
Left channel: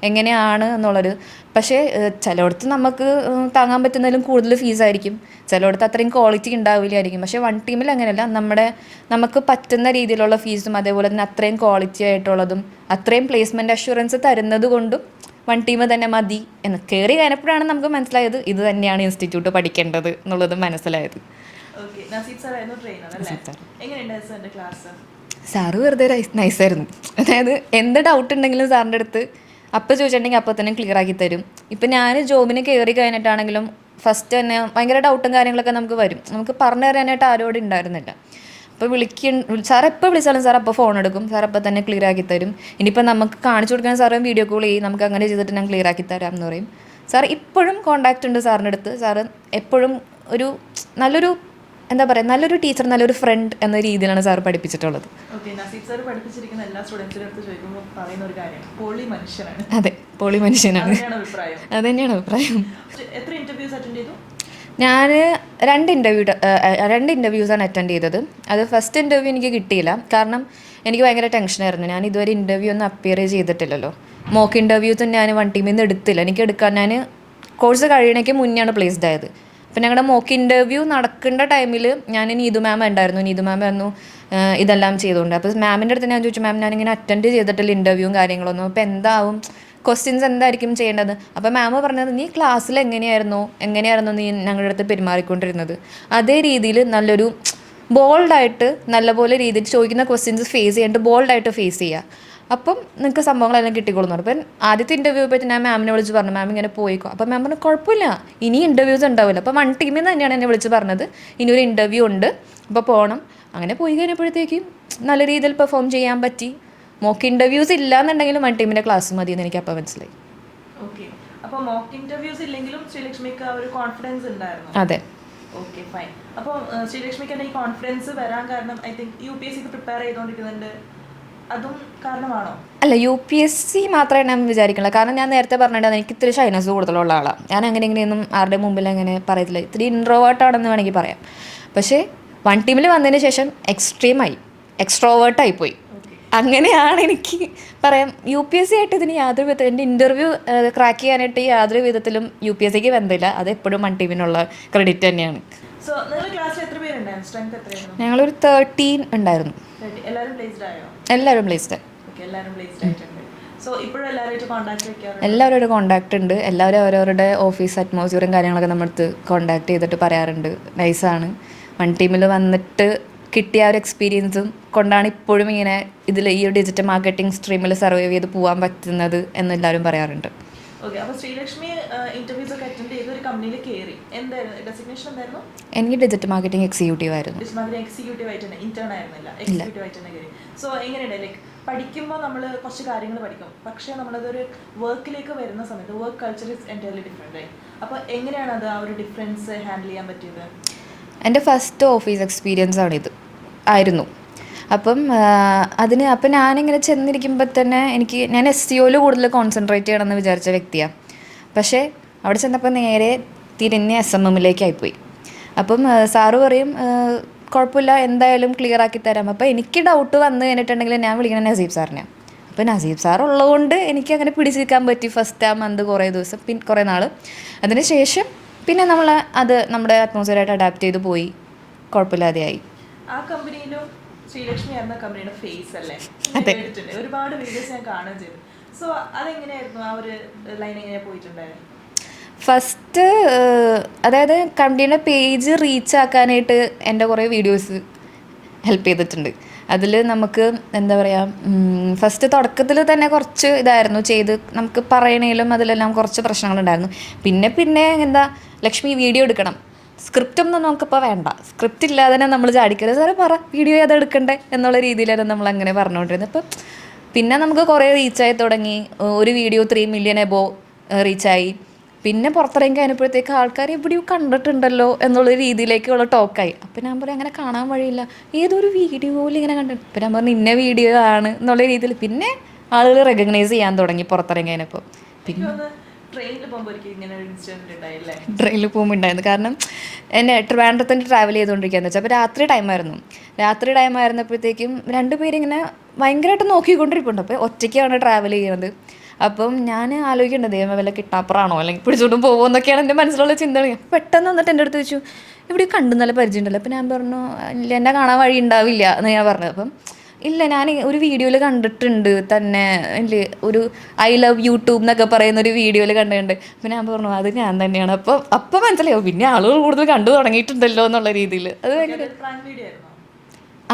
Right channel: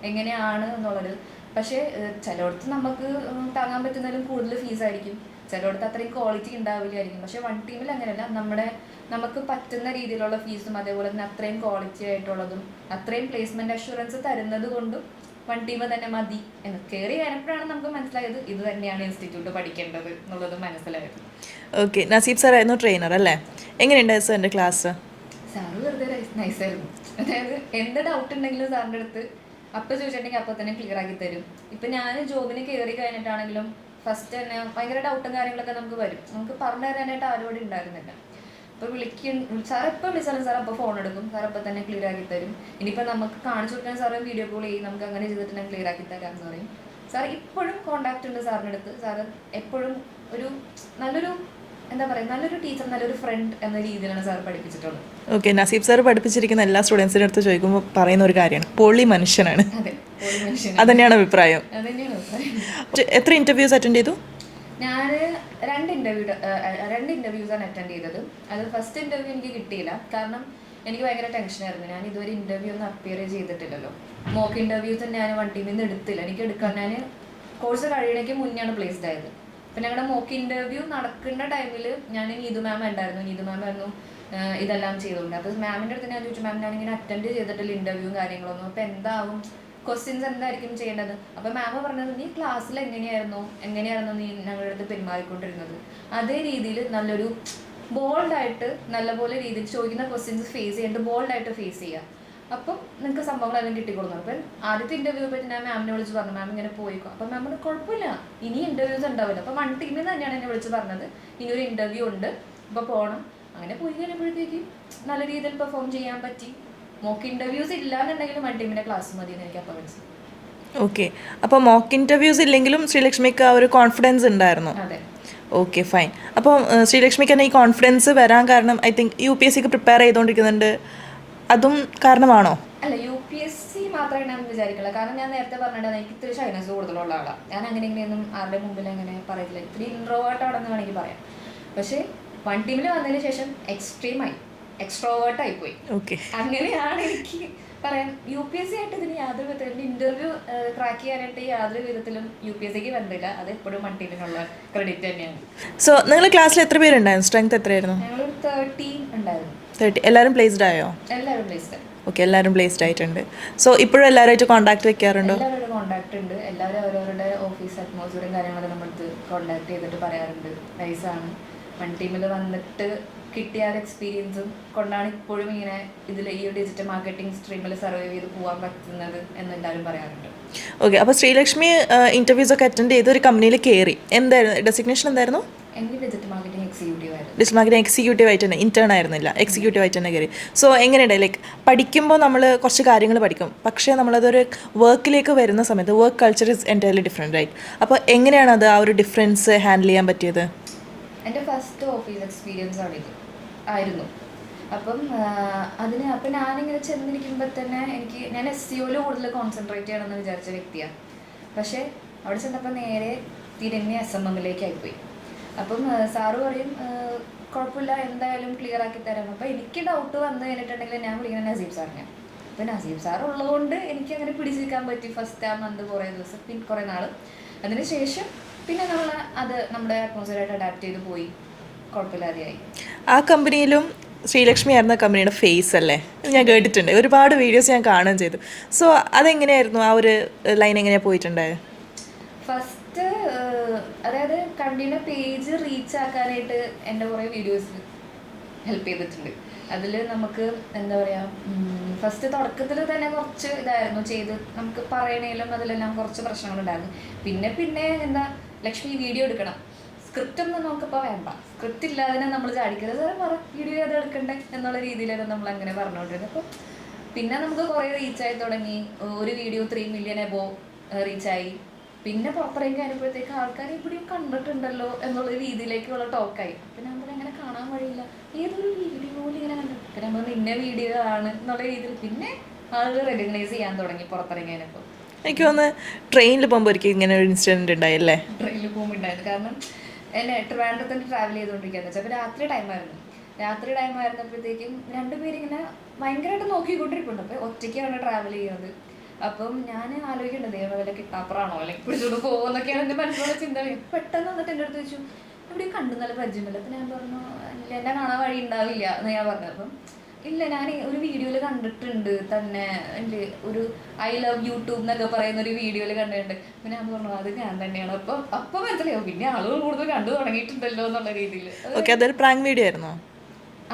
എങ്ങനെയാണ് എന്നുള്ളത്. പക്ഷേ ചിലയിടത്ത് നമുക്ക് താങ്ങാൻ പറ്റുന്നതിലും കൂടുതൽ ഫീസായിരിക്കും, ചിലയിടത്ത് അത്രയും ക്വാളിറ്റി ഉണ്ടാവില്ലായിരിക്കും. പക്ഷേ വൺ ടീമിൽ അങ്ങനെയല്ല, നമുക്ക് പറ്റുന്ന രീതിയിലുള്ള ഫീസും അതേപോലെ തന്നെ അത്രയും ക്വാളിറ്റി ആയിട്ടുള്ളതും അത്രയും പ്ലേസ്മെൻറ്റ് അഷുറൻസ് തരുന്നത് കൊണ്ടും വൺ ടീം തന്നെ മതി എന്ന് കയറി കഴിഞ്ഞപ്പോഴാണ് നമുക്ക് മനസ്സിലായത് ഇത് തന്നെയാണ് ഇൻസ്റ്റിറ്റ്യൂട്ട് പഠിക്കേണ്ടത് എന്നുള്ളത് മനസ്സിലായത്. ഓക്കെ, നസീബ് സാർ ആയിരുന്നു ട്രെയിനർ അല്ലേ? എങ്ങനെയുണ്ടായിരുന്നു സാറിൻ്റെ ക്ലാസ്? സാറ് വെറുതെ നൈസായിരുന്നു. അതായത് എന്ത് ഡൗട്ട് ഉണ്ടെങ്കിലും സാറിൻ്റെ അടുത്ത് അപ്പോൾ ചോദിച്ചിട്ടുണ്ടെങ്കിൽ അപ്പോൾ തന്നെ ക്ലിയർ ആക്കി തരും. ഇപ്പം ഞാൻ ജോബിന് കയറി കഴിഞ്ഞിട്ടാണെങ്കിലും ഫസ്റ്റ് തന്നെ ഭയങ്കര ഡൗട്ടും കാര്യങ്ങളൊക്കെ നമുക്ക് വരും. നമുക്ക് പറഞ്ഞു തരാനായിട്ട് ആരോടും ഉണ്ടായിരുന്നില്ല. അപ്പോൾ സാർ എപ്പോൾ വിളിച്ചാലും സാർ അപ്പോൾ ഫോൺ എടുക്കും, സാർ അപ്പോൾ തന്നെ ക്ലിയർ ആക്കി തരും. ഇനിയിപ്പോൾ നമുക്ക് കാണിച്ചു കൊടുക്കാൻ സാറ് വീഡിയോ കോൾ ചെയ്യും, നമുക്ക് അങ്ങനെ ചെയ്തിട്ട് ഞാൻ ക്ലിയർ ആക്കി തരാം എന്ന് പറയും. സാർ ഇപ്പോഴും കോൺടാക്റ്റ് ഉണ്ട് സാറിൻ്റെ അടുത്ത്. സാറ് എപ്പോഴും ഒരു നല്ലൊരു എന്താ പറയുക നല്ലൊരു ടീച്ചർ, നല്ലൊരു ഫ്രണ്ട് എന്ന രീതിയിലാണ് സാർ പഠിപ്പിച്ചിട്ടുള്ളത്. ഓക്കെ, നസീബ് സാർ പഠിപ്പിച്ചിരിക്കുന്ന എല്ലാ സ്റ്റുഡൻസിൻ്റെ അടുത്ത് ചോദിക്കുമ്പോൾ പറയുന്ന ഒരു കാര്യമാണ് പൊളി മനുഷ്യനാണ്. അതെ, പൊളി മനുഷ്യനാണ്. അതന്നെയാണ് അഭിപ്രായം? അതന്നെയാണ് അഭിപ്രായം. എത്ര ഇൻ്റർവ്യൂസ് അറ്റൻഡ് ചെയ്തു? ഞാൻ രണ്ട് ഇൻ്റർവ്യൂസാണ് അറ്റൻഡ് ചെയ്തത്. അത് ഫസ്റ്റ് ഇൻ്റർവ്യൂ എനിക്ക് കിട്ടിയില്ല, കാരണം എനിക്ക് ഭയങ്കര ടെൻഷനായിരുന്നു. ഞാൻ ഇതുവരെ ഇൻ്റർവ്യൂ ഒന്നും അപ്പിയർ ചെയ്തിട്ടില്ലല്ലോ. മോക്ക് ഇൻ്റർവ്യൂസ് ഞാൻ വൺ ടീമിൽ നിന്ന് എടുത്തില്ല. ഞാൻ കോഴ്സ് കഴിയണേക്ക് മുന്നെയാണ് പ്ലേസ്ഡ് ആയത്. അപ്പം ഞങ്ങളുടെ മോക്ക് ഇൻ്റർവ്യൂ നടക്കേണ്ട ടൈമിൽ ഞാൻ നീതു മാം ഉണ്ടായിരുന്നു. നീതു മാം ആയിരുന്നു ഇതെല്ലാം ചെയ്തുകൊണ്ട്. അപ്പോൾ മാമിൻ്റെ അടുത്ത് ഞാൻ ചോദിച്ചു, മാം ഞാനിങ്ങനെ അറ്റൻഡ് ചെയ്തിട്ടില്ല ഇൻ്റർവ്യൂവും കാര്യങ്ങളൊന്നും, അപ്പോൾ എന്താവും ക്വസ്റ്റ്യൻസ് എന്തായിരിക്കും ചെയ്യേണ്ടത്? അപ്പോൾ മാം പറഞ്ഞത് നീ ക്ലാസ്സിൽ എങ്ങനെയായിരുന്നു നീ ഞങ്ങളുടെ അടുത്ത് പെരുമാറിക്കൊണ്ടിരുന്നത്, അതേ രീതിയിൽ നല്ലൊരു ബോൾഡായിട്ട് നല്ലപോലെ രീതിയിൽ ചോദിക്കുന്ന ക്വസ്റ്റ്യൻസ് ഫേസ് ചെയ്യാണ്ട് ബോൾഡായിട്ട് ഫേസ് ചെയ്യുക, അപ്പം നിങ്ങൾക്ക് സംഭവങ്ങളെല്ലാം കിട്ടിക്കൊള്ളുന്നു. അപ്പം ആദ്യത്തെ ഇൻ്റർവ്യൂ പറ്റി ഞാൻ മാമിനെ വിളിച്ച് പറഞ്ഞു, മാം ഇങ്ങനെ പോയിക്കോ. അപ്പം മാം പറഞ്ഞു കുഴപ്പമില്ല, ഇനി ഇൻ്റർവ്യൂസ് ഉണ്ടാവില്ല. അപ്പം വൺ ടീമിൽ നിന്ന് തന്നെയാണ് എന്നെ വിളിച്ച് പറഞ്ഞത് ഇനിയൊരു ഇൻ്റർവ്യൂ ഉണ്ട്, അപ്പോൾ പോകണം. അങ്ങനെ പോയി കഴിഞ്ഞപ്പോഴത്തേക്കും നല്ല രീതിയിൽ പെർഫോം ചെയ്യാൻ പറ്റി. മോക്ക് ഇൻ്റർവ്യൂസ് ഇല്ലാന്നുണ്ടെങ്കിലും വൺ ടീമിൻ്റെ ക്ലാസ് മതി എന്ന് എനിക്ക് അപ്പോൾ മനസ്സിലായി. ഓക്കെ, അപ്പോൾ മോക്ക് ഇൻ്റർവ്യൂസ് ഇല്ലെങ്കിലും ശ്രീലക്ഷ്മിക്ക് ആ ഒരു കോൺഫിഡൻസ് ഉണ്ടായിരുന്നു? അതെ. Okay, fine. അപ്പോൾ ശ്രീലക്ഷ്മിക്ക് തന്നെ ഈ കോൺഫിഡൻസ് വരാൻ കാരണം ഐ തിങ്ക് UPSCക്ക് പ്രിപ്പയർ ചെയ്തുകൊണ്ടിരിക്കുന്നുണ്ട്, അതും കാരണമാണോ? അല്ല, UPSC മാത്രമേ ഞാൻ വിചാരിക്കില്ല. കാരണം ഞാൻ നേരത്തെ പറഞ്ഞിട്ടുണ്ടായിരുന്നു എനിക്ക് ഇത്തിരി ഷൈനസ് കൂടുതലുള്ള ആളാണ്. ഞാൻ അങ്ങനെ ഇങ്ങനെയൊന്നും ആരുടെ മുമ്പിൽ അങ്ങനെ പറയത്തില്ല, ഇത്തിരി ഇൻട്രോവേർട്ടാണെന്ന് വേണമെങ്കിൽ പറയാം. പക്ഷേ വൺ ടീമിൽ വന്നതിന് ശേഷം എക്സ്ട്രോവേർട്ടായി പോയി. ഓക്കെ, അങ്ങനെയാണ് എനിക്ക് പറയാം. UPSC ആയിട്ട് ഇതിന് യാതൊരു വിധത്തിൽ എൻ്റെ ഇൻ്റർവ്യൂ ക്രാക്ക് ചെയ്യാനായിട്ട് യാതൊരു വിധത്തിലും UPSCക്ക് ബന്ധമില്ല. അത് എപ്പോഴും വൺ ടീമിനുള്ള ക്രെഡിറ്റ് തന്നെയാണ്. സോ നിങ്ങൾ ക്ലാസ്സിൽ എത്ര പേരുണ്ടായിരുന്നു? സ്ട്രെങ്ത് എത്രയായിരുന്നു? ഞങ്ങളൊരു 13 ഉണ്ടായിരുന്നു. 30. എല്ലാവരും പ്ലേസ്ഡ് ആയോ? എല്ലാവരും പ്ലേസ്ഡ്. ഓക്കെ, എല്ലാവരും പ്ലേസ്ഡ് ആയിട്ടുണ്ട്. സോ ഇപ്പോഴും എല്ലാവരുമായിട്ട് കോൺടാക്ട് വെക്കാറുണ്ട്? എല്ലാവരും കോൺടാക്റ്റ് ഉണ്ട്. എല്ലാവരും അവരവരുടെ ഓഫീസ് അറ്റ്മോസ്ഫിയറും കാര്യങ്ങളൊക്കെ നമ്മളടുത്ത് കോൺടാക്ട് ചെയ്തിട്ട് പറയാറുണ്ട്. നൈസാണ്. വൺ ടീമിൽ വന്നിട്ട് കിട്ടിയ ഒരു എക്സ്പീരിയൻസും കൊണ്ടാണ് ഇപ്പോഴും ഇങ്ങനെ ഇതിൽ ഈ ഒരു ഡിജിറ്റൽ മാർക്കറ്റിംഗ് സ്ട്രീമിൽ സർവൈവ് ചെയ്ത് പോകാൻ പറ്റുന്നത് എന്നെല്ലാവരും പറയാറുണ്ട്. ഓക്കെ, അപ്പോൾ ശ്രീലക്ഷ്മി ഇൻ്റർവ്യൂസ് ഒക്കെ അറ്റൻഡ് ചെയ്ത് ഒരു കമ്പനിയിൽ കയറി. എന്തായിരുന്നു ഡെസിഗ്നേഷൻ? എന്തായിരുന്നു? എനിക്ക് ഡിജിറ്റൽ മാർക്കറ്റിംഗ് എക്സിക്യൂട്ടീവ് ആയിരുന്നു. ഡിജിറ്റൽ മാർക്കറ്റിംഗ് എക്സിക്യൂട്ടീവ് ആയിട്ട് തന്നെ, ഇന്റേൺ ആയിരുന്നില്ല, എക്സിക്യൂട്ടീവ് ആയിട്ട് തന്നെ കയറി. സോ എങ്ങനെയുണ്ട് ലൈക്ക് പഠിക്കുമ്പോൾ നമ്മൾ കുറച്ച് കാര്യങ്ങൾ പഠിക്കും, പക്ഷേ നമ്മളതൊരു വർക്കിലേക്ക് വരുന്ന സമയത്ത് work culture is entirely different, right? അപ്പോൾ എങ്ങനെയാണ് അത് ആ ഒരു ഡിഫറൻസ് ഹാൻഡിൽ ചെയ്യാൻ പറ്റിയത്? എൻ്റെ ഫസ്റ്റ് ഓഫീസ് എക്സ്പീരിയൻസ് ആയിരുന്നു. അപ്പം ഞാനിങ്ങനെ ചെന്നിരിക്കുമ്പോൾ തന്നെ ഞാൻ SEOയിൽ കൂടുതൽ കോൺസെൻട്രേറ്റ് ചെയ്യണമെന്ന് വിചാരിച്ച വ്യക്തിയാണ്. പക്ഷേ അവിടെ ചെന്നപ്പോൾ നേരെ തിരിഞ്ഞ് SMMലേക്കായിപ്പോയി. അപ്പം സാറ് പറയും കുഴപ്പമില്ല, എന്തായാലും ക്ലിയർ ആക്കി തരാം. അപ്പോൾ എനിക്ക് ഡൗട്ട് വന്നു കഴിഞ്ഞിട്ടുണ്ടെങ്കിൽ ഞാൻ വിളിക്കണം നസീബ് സാറിനെ. അപ്പോൾ നസീബ് സാർ ഉള്ളതുകൊണ്ട് എനിക്ക് അങ്ങനെ പിടിച്ചിരിക്കാൻ പറ്റി ഫസ്റ്റ് ആ മന്ത് കുറേ ദിവസം, കുറേ നാൾ. അതിന് ശേഷം പിന്നെ നമ്മുടെ അറ്റ്മോസ്ഫിയറായിട്ട് അഡാപ്റ്റ് ചെയ്ത് പോയി, കുഴപ്പമില്ലാതെയായി. ആ കമ്പനിയിലും ശ്രീലക്ഷ്മി ആയിരുന്ന കമ്പനിയുടെ ഫേസ് അല്ലേ? ഞാൻ കേട്ടിട്ടുണ്ട്, ഒരുപാട് വീഡിയോസ് ഞാൻ കാണുകയും ചെയ്തു. സോ അതെങ്ങനെയായിരുന്നു, ആ ഒരു ലൈൻ എങ്ങനെയാണ് പോയിട്ടുണ്ടായത്? ഫസ്റ്റ് അതായത് കമ്പനിയുടെ പേജ് റീച്ച് ആക്കാനായിട്ട് എൻ്റെ കുറേ വീഡിയോസ് ഹെൽപ്പ് ചെയ്തിട്ടുണ്ട്. അതിൽ നമുക്ക് എന്താ പറയുക, ഫസ്റ്റ് തുടക്കത്തിൽ തന്നെ കുറച്ച് ഇതായിരുന്നു ചെയ്ത് നമുക്ക് പറയണേലും അതിലെല്ലാം കുറച്ച് പ്രശ്നങ്ങളുണ്ടായിരുന്നു. പിന്നെ എന്താ ലക്ഷ്മി വീഡിയോ എടുക്കണം, സ്ക്രിപ്റ്റൊന്നും നമുക്കിപ്പോൾ വേണ്ട, സ്ക്രിപ്റ്റ് ഇല്ലാതെ തന്നെ നമ്മൾ ചാടിക്കരുത്, സാറേ പറ വീഡിയോ ഏതാ എടുക്കണ്ടേ എന്നുള്ള രീതിയിലായിരുന്നു നമ്മളങ്ങനെ പറഞ്ഞുകൊണ്ടിരുന്നത്. അപ്പം പിന്നെ നമുക്ക് കുറേ റീച്ചായി തുടങ്ങി. ഒരു വീഡിയോ 3 million എബോവ് റീച്ചായി. പിന്നെ പുറത്തിറങ്ങി കഴിഞ്ഞപ്പോഴത്തേക്ക് ആൾക്കാർ എവിടെയോ കണ്ടിട്ടുണ്ടല്ലോ എന്നുള്ള രീതിയിലേക്കുള്ള ടോക്കായി. അപ്പം ഞാൻ പറയും അങ്ങനെ കാണാൻ വഴിയില്ല, ഏതൊരു വീഡിയോയിൽ ഇങ്ങനെ കണ്ടിട്ട്. അപ്പം ഞാൻ പറഞ്ഞു ഇന്ന വീഡിയോ ആണ് എന്നുള്ള രീതിയിൽ പിന്നെ ആളുകൾ റെക്കഗ്നൈസ് ചെയ്യാൻ തുടങ്ങി പുറത്തിറങ്ങി കഴിഞ്ഞപ്പോൾ. എനിക്ക് തോന്നുന്നു ട്രെയിനിൽ പോകുമ്പോൾ ഒരിക്കലും ഇങ്ങനെ ഒരു ഇൻസിഡൻറ്റ് ഉണ്ടായില്ലേ? ട്രെയിനിൽ പോകുമ്പോൾ ഉണ്ടായിരുന്നു. കാരണം എന്നെ ട്രിവാൻഡ്രത്തിന് ട്രാവൽ ചെയ്തുകൊണ്ടിരിക്കുകയെന്ന് വെച്ചാൽ അപ്പോൾ രാത്രി ടൈം ആയിരുന്നപ്പോഴത്തേക്കും രണ്ടുപേരിങ്ങനെ ഭയങ്കരമായിട്ട് നോക്കിക്കൊണ്ടിരിപ്പുണ്ട്. അപ്പോൾ ഒറ്റയ്ക്കാണ് ട്രാവൽ ചെയ്യുന്നത്. അപ്പം ഞാൻ ആലോചിക്കേണ്ടത് ദൈവം വല്ല കിട്ടാപ്പറാണോ അല്ലെങ്കിൽ പിടിച്ചോണ്ടും പോകുമോ എന്നൊക്കെയാണ് എൻ്റെ മനസ്സിലുള്ള ചിന്തകൾ. പെട്ടെന്ന് വന്നിട്ട് എൻ്റെ അടുത്ത് ചോദിച്ചു ഇവിടെ കണ്ടു നല്ല പരിചയം ഉണ്ടല്ലോ. അപ്പം ഞാൻ പറഞ്ഞു ഇല്ല, എന്നെ കാണാൻ വഴി ഉണ്ടാവില്ല എന്ന് ഞാൻ പറഞ്ഞത്. അപ്പം ഇല്ല, ഞാൻ ഒരു വീഡിയോയിൽ കണ്ടിട്ടുണ്ട് തന്നെ, ഇല്ലേ ഒരു ഐ ലവ് യൂട്യൂബ് എന്നൊക്കെ പറയുന്ന ഒരു വീഡിയോയിൽ കണ്ടിട്ടുണ്ട്. അപ്പം ഞാൻ പറഞ്ഞു അത് ഞാൻ തന്നെയാണ്. അപ്പം മനസ്സിലായോ, പിന്നെ ആളുകൾ കൂടുതൽ കണ്ടു തുടങ്ങിയിട്ടുണ്ടല്ലോ എന്നുള്ള രീതിയിൽ. അതൊരു പ്രാങ്ക് വീഡിയോ ആയിരുന്നോ?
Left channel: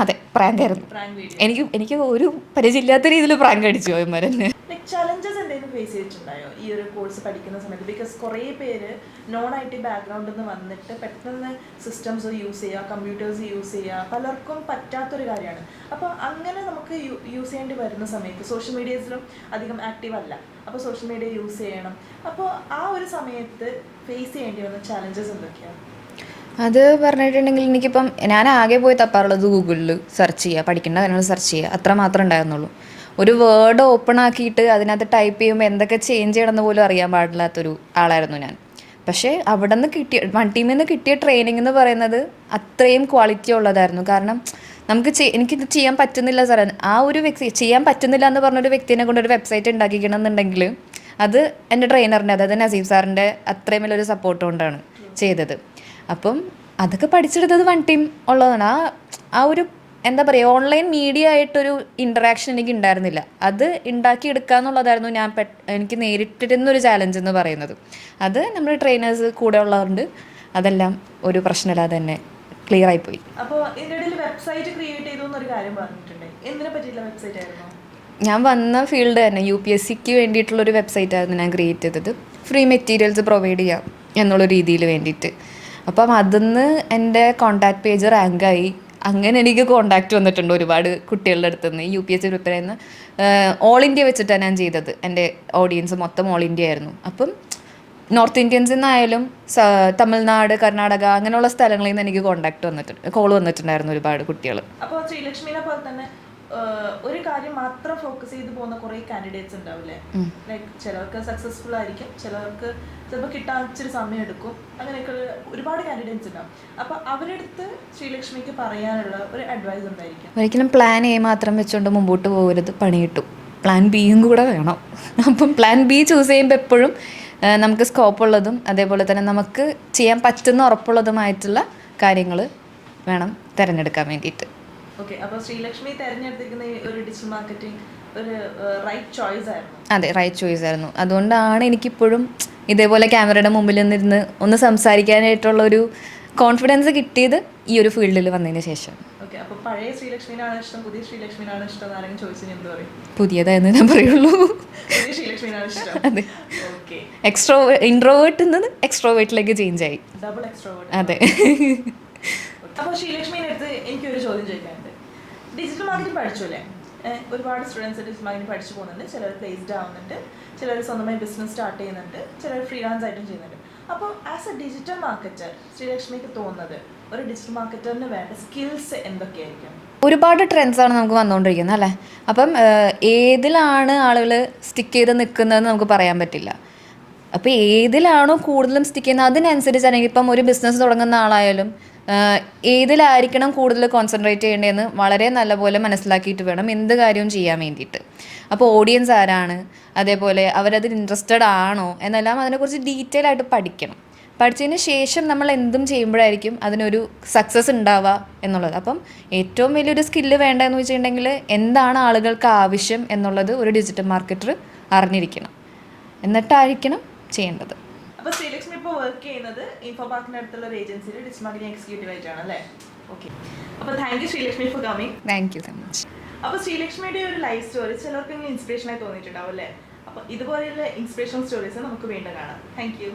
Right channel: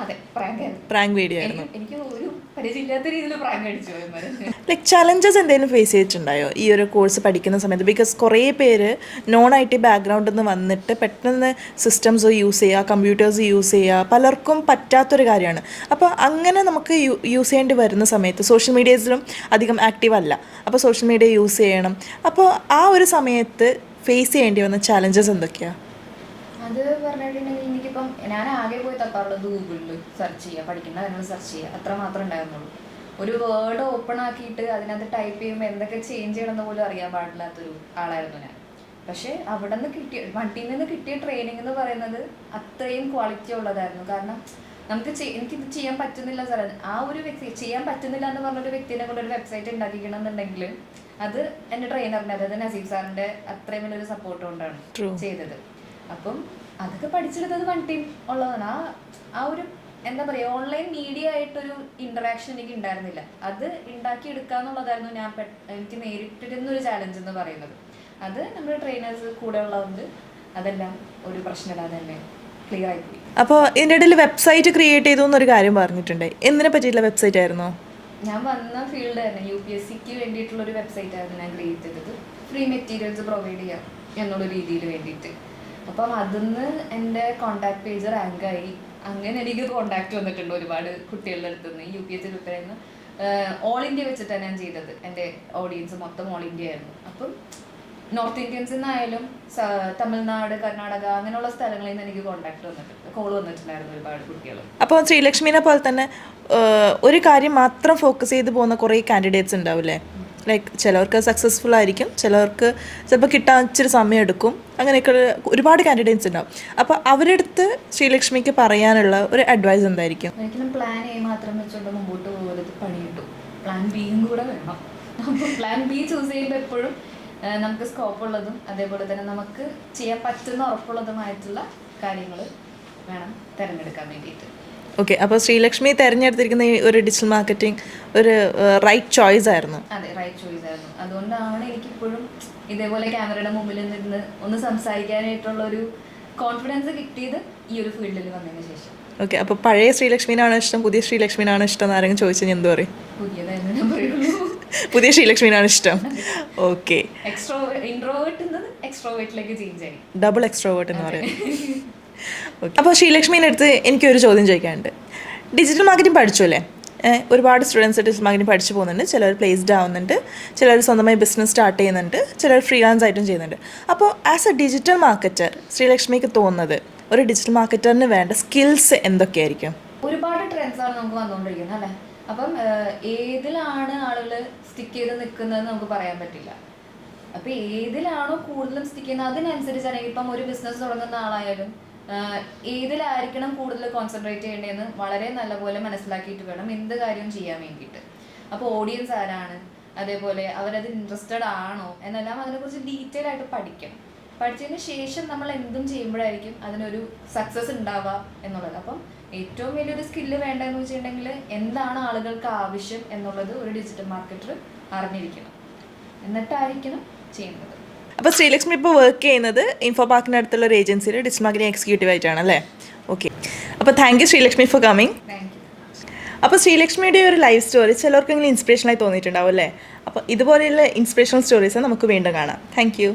അതെ, പ്രാങ്കായിരുന്നു. Prank video. എനിക്ക് ഒരു പരിചയമില്ലാത്ത രീതിയിൽ പ്രാങ്ക് അടിച്ചു പോയമാരെന്നെ. ലൈക്ക് ചലഞ്ചസ് എന്തെങ്കിലും ഫേസ് ചെയ്തിട്ടുണ്ടായോ ഈ ഒരു കോഴ്സ് പഠിക്കുന്ന സമയത്ത്? ബിക്കോസ് കുറേ പേര് നോൺ IT ബാക്ക്ഗ്രൗണ്ടിൽ നിന്ന് വന്നിട്ട് പെട്ടെന്ന് സിസ്റ്റംസ് യൂസ് ചെയ്യുക, കമ്പ്യൂട്ടേഴ്സ് യൂസ് ചെയ്യുക പലർക്കും പറ്റാത്തൊരു കാര്യമാണ്. അപ്പോൾ അങ്ങനെ നമുക്ക് യൂസ് ചെയ്യേണ്ടി വരുന്ന സമയത്ത് സോഷ്യൽ മീഡിയസിലും അധികം ആക്റ്റീവ് അല്ല, അപ്പോൾ സോഷ്യൽ മീഡിയ യൂസ് ചെയ്യണം. അപ്പോൾ ആ ഒരു സമയത്ത് ഫേസ് ചെയ്യേണ്ടി വന്ന ചലഞ്ചസ് എന്തൊക്കെയാണ്? അത് പറഞ്ഞിട്ടുണ്ടെങ്കിൽ എനിക്കിപ്പം ഞാൻ ആകെ പോയി തപ്പാറുള്ളത് ഗൂഗിളിൽ സെർച്ച് ചെയ്യുക, പഠിക്കേണ്ട കാര്യങ്ങൾ സെർച്ച് ചെയ്യുക, അത്ര മാത്രമേ ഉണ്ടായിരുന്നുള്ളൂ. ഒരു വേർഡ് ഓപ്പൺ ആക്കിയിട്ട് അതിനകത്ത് ടൈപ്പ് ചെയ്യുമ്പോൾ എന്തൊക്കെ ചേഞ്ച് ചെയ്യണമെന്ന് പോലും അറിയാൻ പാടില്ലാത്തൊരു ആളായിരുന്നു ഞാൻ. പക്ഷേ അവിടെ നിന്ന് വൺ ടീമിൽ നിന്ന് കിട്ടിയ ട്രെയിനിങ് എന്ന് പറയുന്നത് അത്രയും ക്വാളിറ്റി ഉള്ളതായിരുന്നു. കാരണം നമുക്ക് എനിക്കിത് ചെയ്യാൻ പറ്റുന്നില്ല സാറേ, ആ ഒരു വ്യക്തി ചെയ്യാൻ പറ്റുന്നില്ല എന്ന് പറഞ്ഞൊരു വ്യക്തിനെ കൊണ്ട് ഒരു വെബ്സൈറ്റ് ഉണ്ടാക്കിക്കണം എന്നുണ്ടെങ്കിൽ അത് എൻ്റെ ട്രെയിനറിൻ്റെ, അതായത് നസീഫ് സാറിൻ്റെ അത്രയും വലിയൊരു സപ്പോർട്ട് കൊണ്ടാണ് ചെയ്തത്. അപ്പം അതൊക്കെ പഠിച്ചെടുത്തത് വൺ ടീം ഉള്ളതാണ്. ആ ഒരു എന്താ പറയുക, ഓൺലൈൻ മീഡിയ ആയിട്ടൊരു ഇൻറ്ററാക്ഷൻ എനിക്ക് ഉണ്ടായിരുന്നില്ല. അത് ഉണ്ടാക്കിയെടുക്കുക എന്നുള്ളതായിരുന്നു എനിക്ക് നേരിട്ടിരുന്നൊരു ചാലഞ്ച് എന്ന് പറയുന്നത്. അത് നമ്മുടെ ട്രെയിനേഴ്സ് കൂടെ ഉള്ളതുകൊണ്ട് അതെല്ലാം ഒരു പ്രശ്നമില്ലാതെ തന്നെ ക്ലിയർ ആയിപ്പോയി. അപ്പോൾ ഇതിൻ്റെ ഇടയിൽ വെബ്സൈറ്റ് ക്രിയേറ്റ് ചെയ്തു എന്നൊരു കാര്യം പറഞ്ഞിട്ടുണ്ട്, എന്തിനെ പറ്റിയിട്ടുള്ള വെബ്സൈറ്റ് ആയിരുന്നോ? ഞാൻ വന്ന ഫീൽഡ് തന്നെ UPSCക്ക് വേണ്ടിയിട്ടുള്ളൊരു വെബ്സൈറ്റ് ആയിരുന്നു ഞാൻ ക്രിയേറ്റ് ചെയ്തത്. ഫ്രീ മെറ്റീരിയൽസ് പ്രൊവൈഡ് ചെയ്യാം എന്നുള്ള രീതിയിൽ വേണ്ടിയിട്ട്. അപ്പം അതിന്ന് എൻ്റെ കോണ്ടാക്ട് പേജ് റാങ്കായി. അങ്ങനെ എനിക്ക് കോണ്ടാക്റ്റ് വന്നിട്ടുണ്ട് ഒരുപാട് കുട്ടികളുടെ അടുത്ത് നിന്ന്. UPSC പ്രിപ്പയർ ചെയ്യുന്ന ഓൾ ഇന്ത്യ വെച്ചിട്ടാണ് ഞാൻ ചെയ്തത്. എൻ്റെ ഓഡിയൻസ് മൊത്തം ഓൾ ഇന്ത്യ ആയിരുന്നു. അപ്പം നോർത്ത് ഇന്ത്യൻസിൽ നിന്നായാലും തമിഴ്നാട്, കർണാടക അങ്ങനെയുള്ള സ്ഥലങ്ങളിൽ നിന്ന് എനിക്ക് കോൾ വന്നിട്ടുണ്ടായിരുന്നു ഒരുപാട് കുട്ടികൾ. അപ്പോൾ ശ്രീലക്ഷ്മിനെ പോലെ തന്നെ ഒരു കാര്യം മാത്രം ഫോക്കസ് ചെയ്ത് പോകുന്ന കുറേ കാൻഡിഡേറ്റ്സ് ഉണ്ടാവില്ലേ? ലൈക്ക് ചിലവർക്ക് സക്സസ്ഫുൾ ആയിരിക്കും, ചിലവർക്ക് ചിലപ്പോൾ കിട്ടാൻ ഇച്ചിരി സമയം എടുക്കും, അങ്ങനെയൊക്കെ ഒരുപാട് കാൻഡിഡേറ്റ്സ് ഉണ്ടാവും. അപ്പോൾ അവരുടെ അടുത്ത് ശ്രീലക്ഷ്മിക്ക് പറയാനുള്ള ഒരു അഡ്വൈസ് എന്തായിരിക്കും? ഒരിക്കലും പ്ലാൻ A മാത്രം വെച്ചുകൊണ്ട് മുമ്പോട്ട് പോകരുത്, പണി കിട്ടും. പ്ലാൻ Bയും കൂടെ വേണം. അപ്പം പ്ലാൻ B ചൂസ് ചെയ്യുമ്പോൾ എപ്പോഴും നമുക്ക് സ്കോപ്പ് ഉള്ളതും അതേപോലെ തന്നെ നമുക്ക് ചെയ്യാൻ പറ്റുന്ന ഉറപ്പുള്ളതുമായിട്ടുള്ള കാര്യങ്ങൾ വേണം തിരഞ്ഞെടുക്കാൻ വേണ്ടിയിട്ട്. ഓക്കെ, അപ്പോൾ ശ്രീലക്ഷ്മി തിരഞ്ഞെടുത്തിരിക്കുന്ന ഈ ഒരു ഡിജിറ്റൽ മാർക്കറ്റിംഗ് ഒരു റൈറ്റ് ചോയ്സ് ആയിരുന്നു. അതെ, റൈറ്റ് ചോയ്സ് ആയിരുന്നു. അതുകൊണ്ടാണ് എനിക്കിപ്പോഴും ഇതേപോലെ ക്യാമറയുടെ മുമ്പിൽ നിന്നിരുന്ന് ഒന്ന് സംസാരിക്കാനായിട്ടുള്ള ഒരു കോൺഫിഡൻസ് കിട്ടിയത് ഈ ഒരു ഫീൽഡിൽ വന്നതിന് ശേഷം. ഓക്കെ, അപ്പോൾ പഴയ ശ്രീലക്ഷ്മിനാണ് ഇഷ്ടം, പുതിയ ശ്രീലക്ഷ്മിനാണ് ഇഷ്ടം എന്ന് ആരെങ്കിലും ചോദിച്ചാൽ ഞാൻ എന്ത് പറയും? പുതിയതായെന്ന് ഞാൻ പറയുള്ളൂ. പുതിയ ശ്രീലക്ഷ്മിനാണ് ഇഷ്ടം. ഓക്കെ, ഇൻട്രോവേർട്ടിൽ നിന്ന് എക്സ്ട്രോവേർട്ടിലേക്ക് ചേഞ്ച് ആയി. Double extrovert. അതെ. അപ്പോൾ ശ്രീലക്ഷ്മീൻ്റെ അടുത്ത് എനിക്കൊരു ചോദ്യം ചോദിക്കാനുണ്ട്. ഡിജിറ്റൽ മാർക്കറ്റിംഗ് പഠിച്ചു അല്ലേ? ഒരുപാട് സ്റ്റുഡൻസ് ഡിജിറ്റൽ മാർക്കറ്റിംഗ് പഠിച്ചു പോകുന്നുണ്ട്. ചിലർ പ്ലേസ്ഡ് ആവുന്നുണ്ട്, ചിലർ സ്വന്തമായി ബിസിനസ് സ്റ്റാർട്ട് ചെയ്യുന്നുണ്ട്, ചിലർ ഫ്രീലാൻസ് ആയിട്ടും ചെയ്യുന്നുണ്ട്. അപ്പോൾ ആസ് എ ഡിജിറ്റൽ മാർക്കറ്റർ ശ്രീലക്ഷ്മിക്ക് തോന്നുന്നത് ഒരു ഡിജിറ്റൽ മാർക്കറ്ററിന് വേണ്ട സ്കിൽസ് എന്തൊക്കെയായിരിക്കും? ഒരുപാട് ട്രെൻഡ്സാണ് നമുക്ക് വന്നുകൊണ്ടിരിക്കുന്നത് അല്ലേ? അപ്പം ഏതിലാണ് ആളുകൾ സ്റ്റിക്ക് ചെയ്ത് നിൽക്കുന്നതെന്ന് നമുക്ക് പറയാൻ പറ്റില്ല. അപ്പോൾ ഏതിലാണോ കൂടുതലും സ്റ്റിക്ക് ചെയ്യുന്നത് അതിനനുസരിച്ചാണെങ്കിൽ ഇപ്പം ഒരു ബിസിനസ് തുടങ്ങുന്ന ആളായാലും ഏതിലായിരിക്കണം കൂടുതൽ കോൺസെൻട്രേറ്റ് ചെയ്യേണ്ടതെന്ന് വളരെ നല്ലപോലെ മനസ്സിലാക്കിയിട്ട് വേണം എന്ത് കാര്യവും ചെയ്യാൻ വേണ്ടിയിട്ട്. അപ്പോൾ ഓഡിയൻസ് ആരാണ്, അതേപോലെ അവരതിൽ ഇൻട്രസ്റ്റഡ് ആണോ എന്നെല്ലാം അതിനെക്കുറിച്ച് ഡീറ്റെയിൽ ആയിട്ട് പഠിച്ചതിന് ശേഷം നമ്മൾ എന്തും ചെയ്യുമ്പോഴായിരിക്കും അതിനൊരു സക്സസ് ഉണ്ടാവുക എന്നുള്ളത്. അപ്പം ഏറ്റവും വലിയൊരു സ്കില്ല് വേണ്ടതെന്ന് വെച്ചിട്ടുണ്ടെങ്കിൽ എന്താണ് ആളുകൾക്ക് ആവശ്യം എന്നുള്ളത് ഒരു ഡിജിറ്റൽ മാർക്കറ്റർ അറിഞ്ഞിരിക്കണം, എന്നിട്ടായിരിക്കണം ചെയ്യേണ്ടത്. അപ്പോൾ ശ്രീലക്ഷ്മി ഇപ്പോൾ വർക്ക് ചെയ്യുന്നത് ഇൻഫോ പാർക്കിൻ്റെ അടുത്തുള്ള ഒരു ഏജൻസിയിൽ ഡിജിറ്റൽ മാർക്കറ്റിംഗ് എക്സിക്യൂട്ടീവ് ആയിട്ടാണ് അല്ലേ? ഓക്കെ. അപ്പോൾ thank you Sreelakshmi for coming. Thank you so much. അപ്പോൾ ശ്രീലക്ഷ്മിയുടെ ഒരു ലൈഫ് സ്റ്റോറി ചിലർക്കെങ്കിലും ഇൻസ്പിറേഷനായി തോന്നിയിട്ടുണ്ടാവും അല്ലേ? അപ്പോൾ ഇതുപോലെയുള്ള ഇൻസ്പിറേഷണൽ സ്റ്റോറീസ് നമുക്ക് വീണ്ടും കാണാം. Thank you.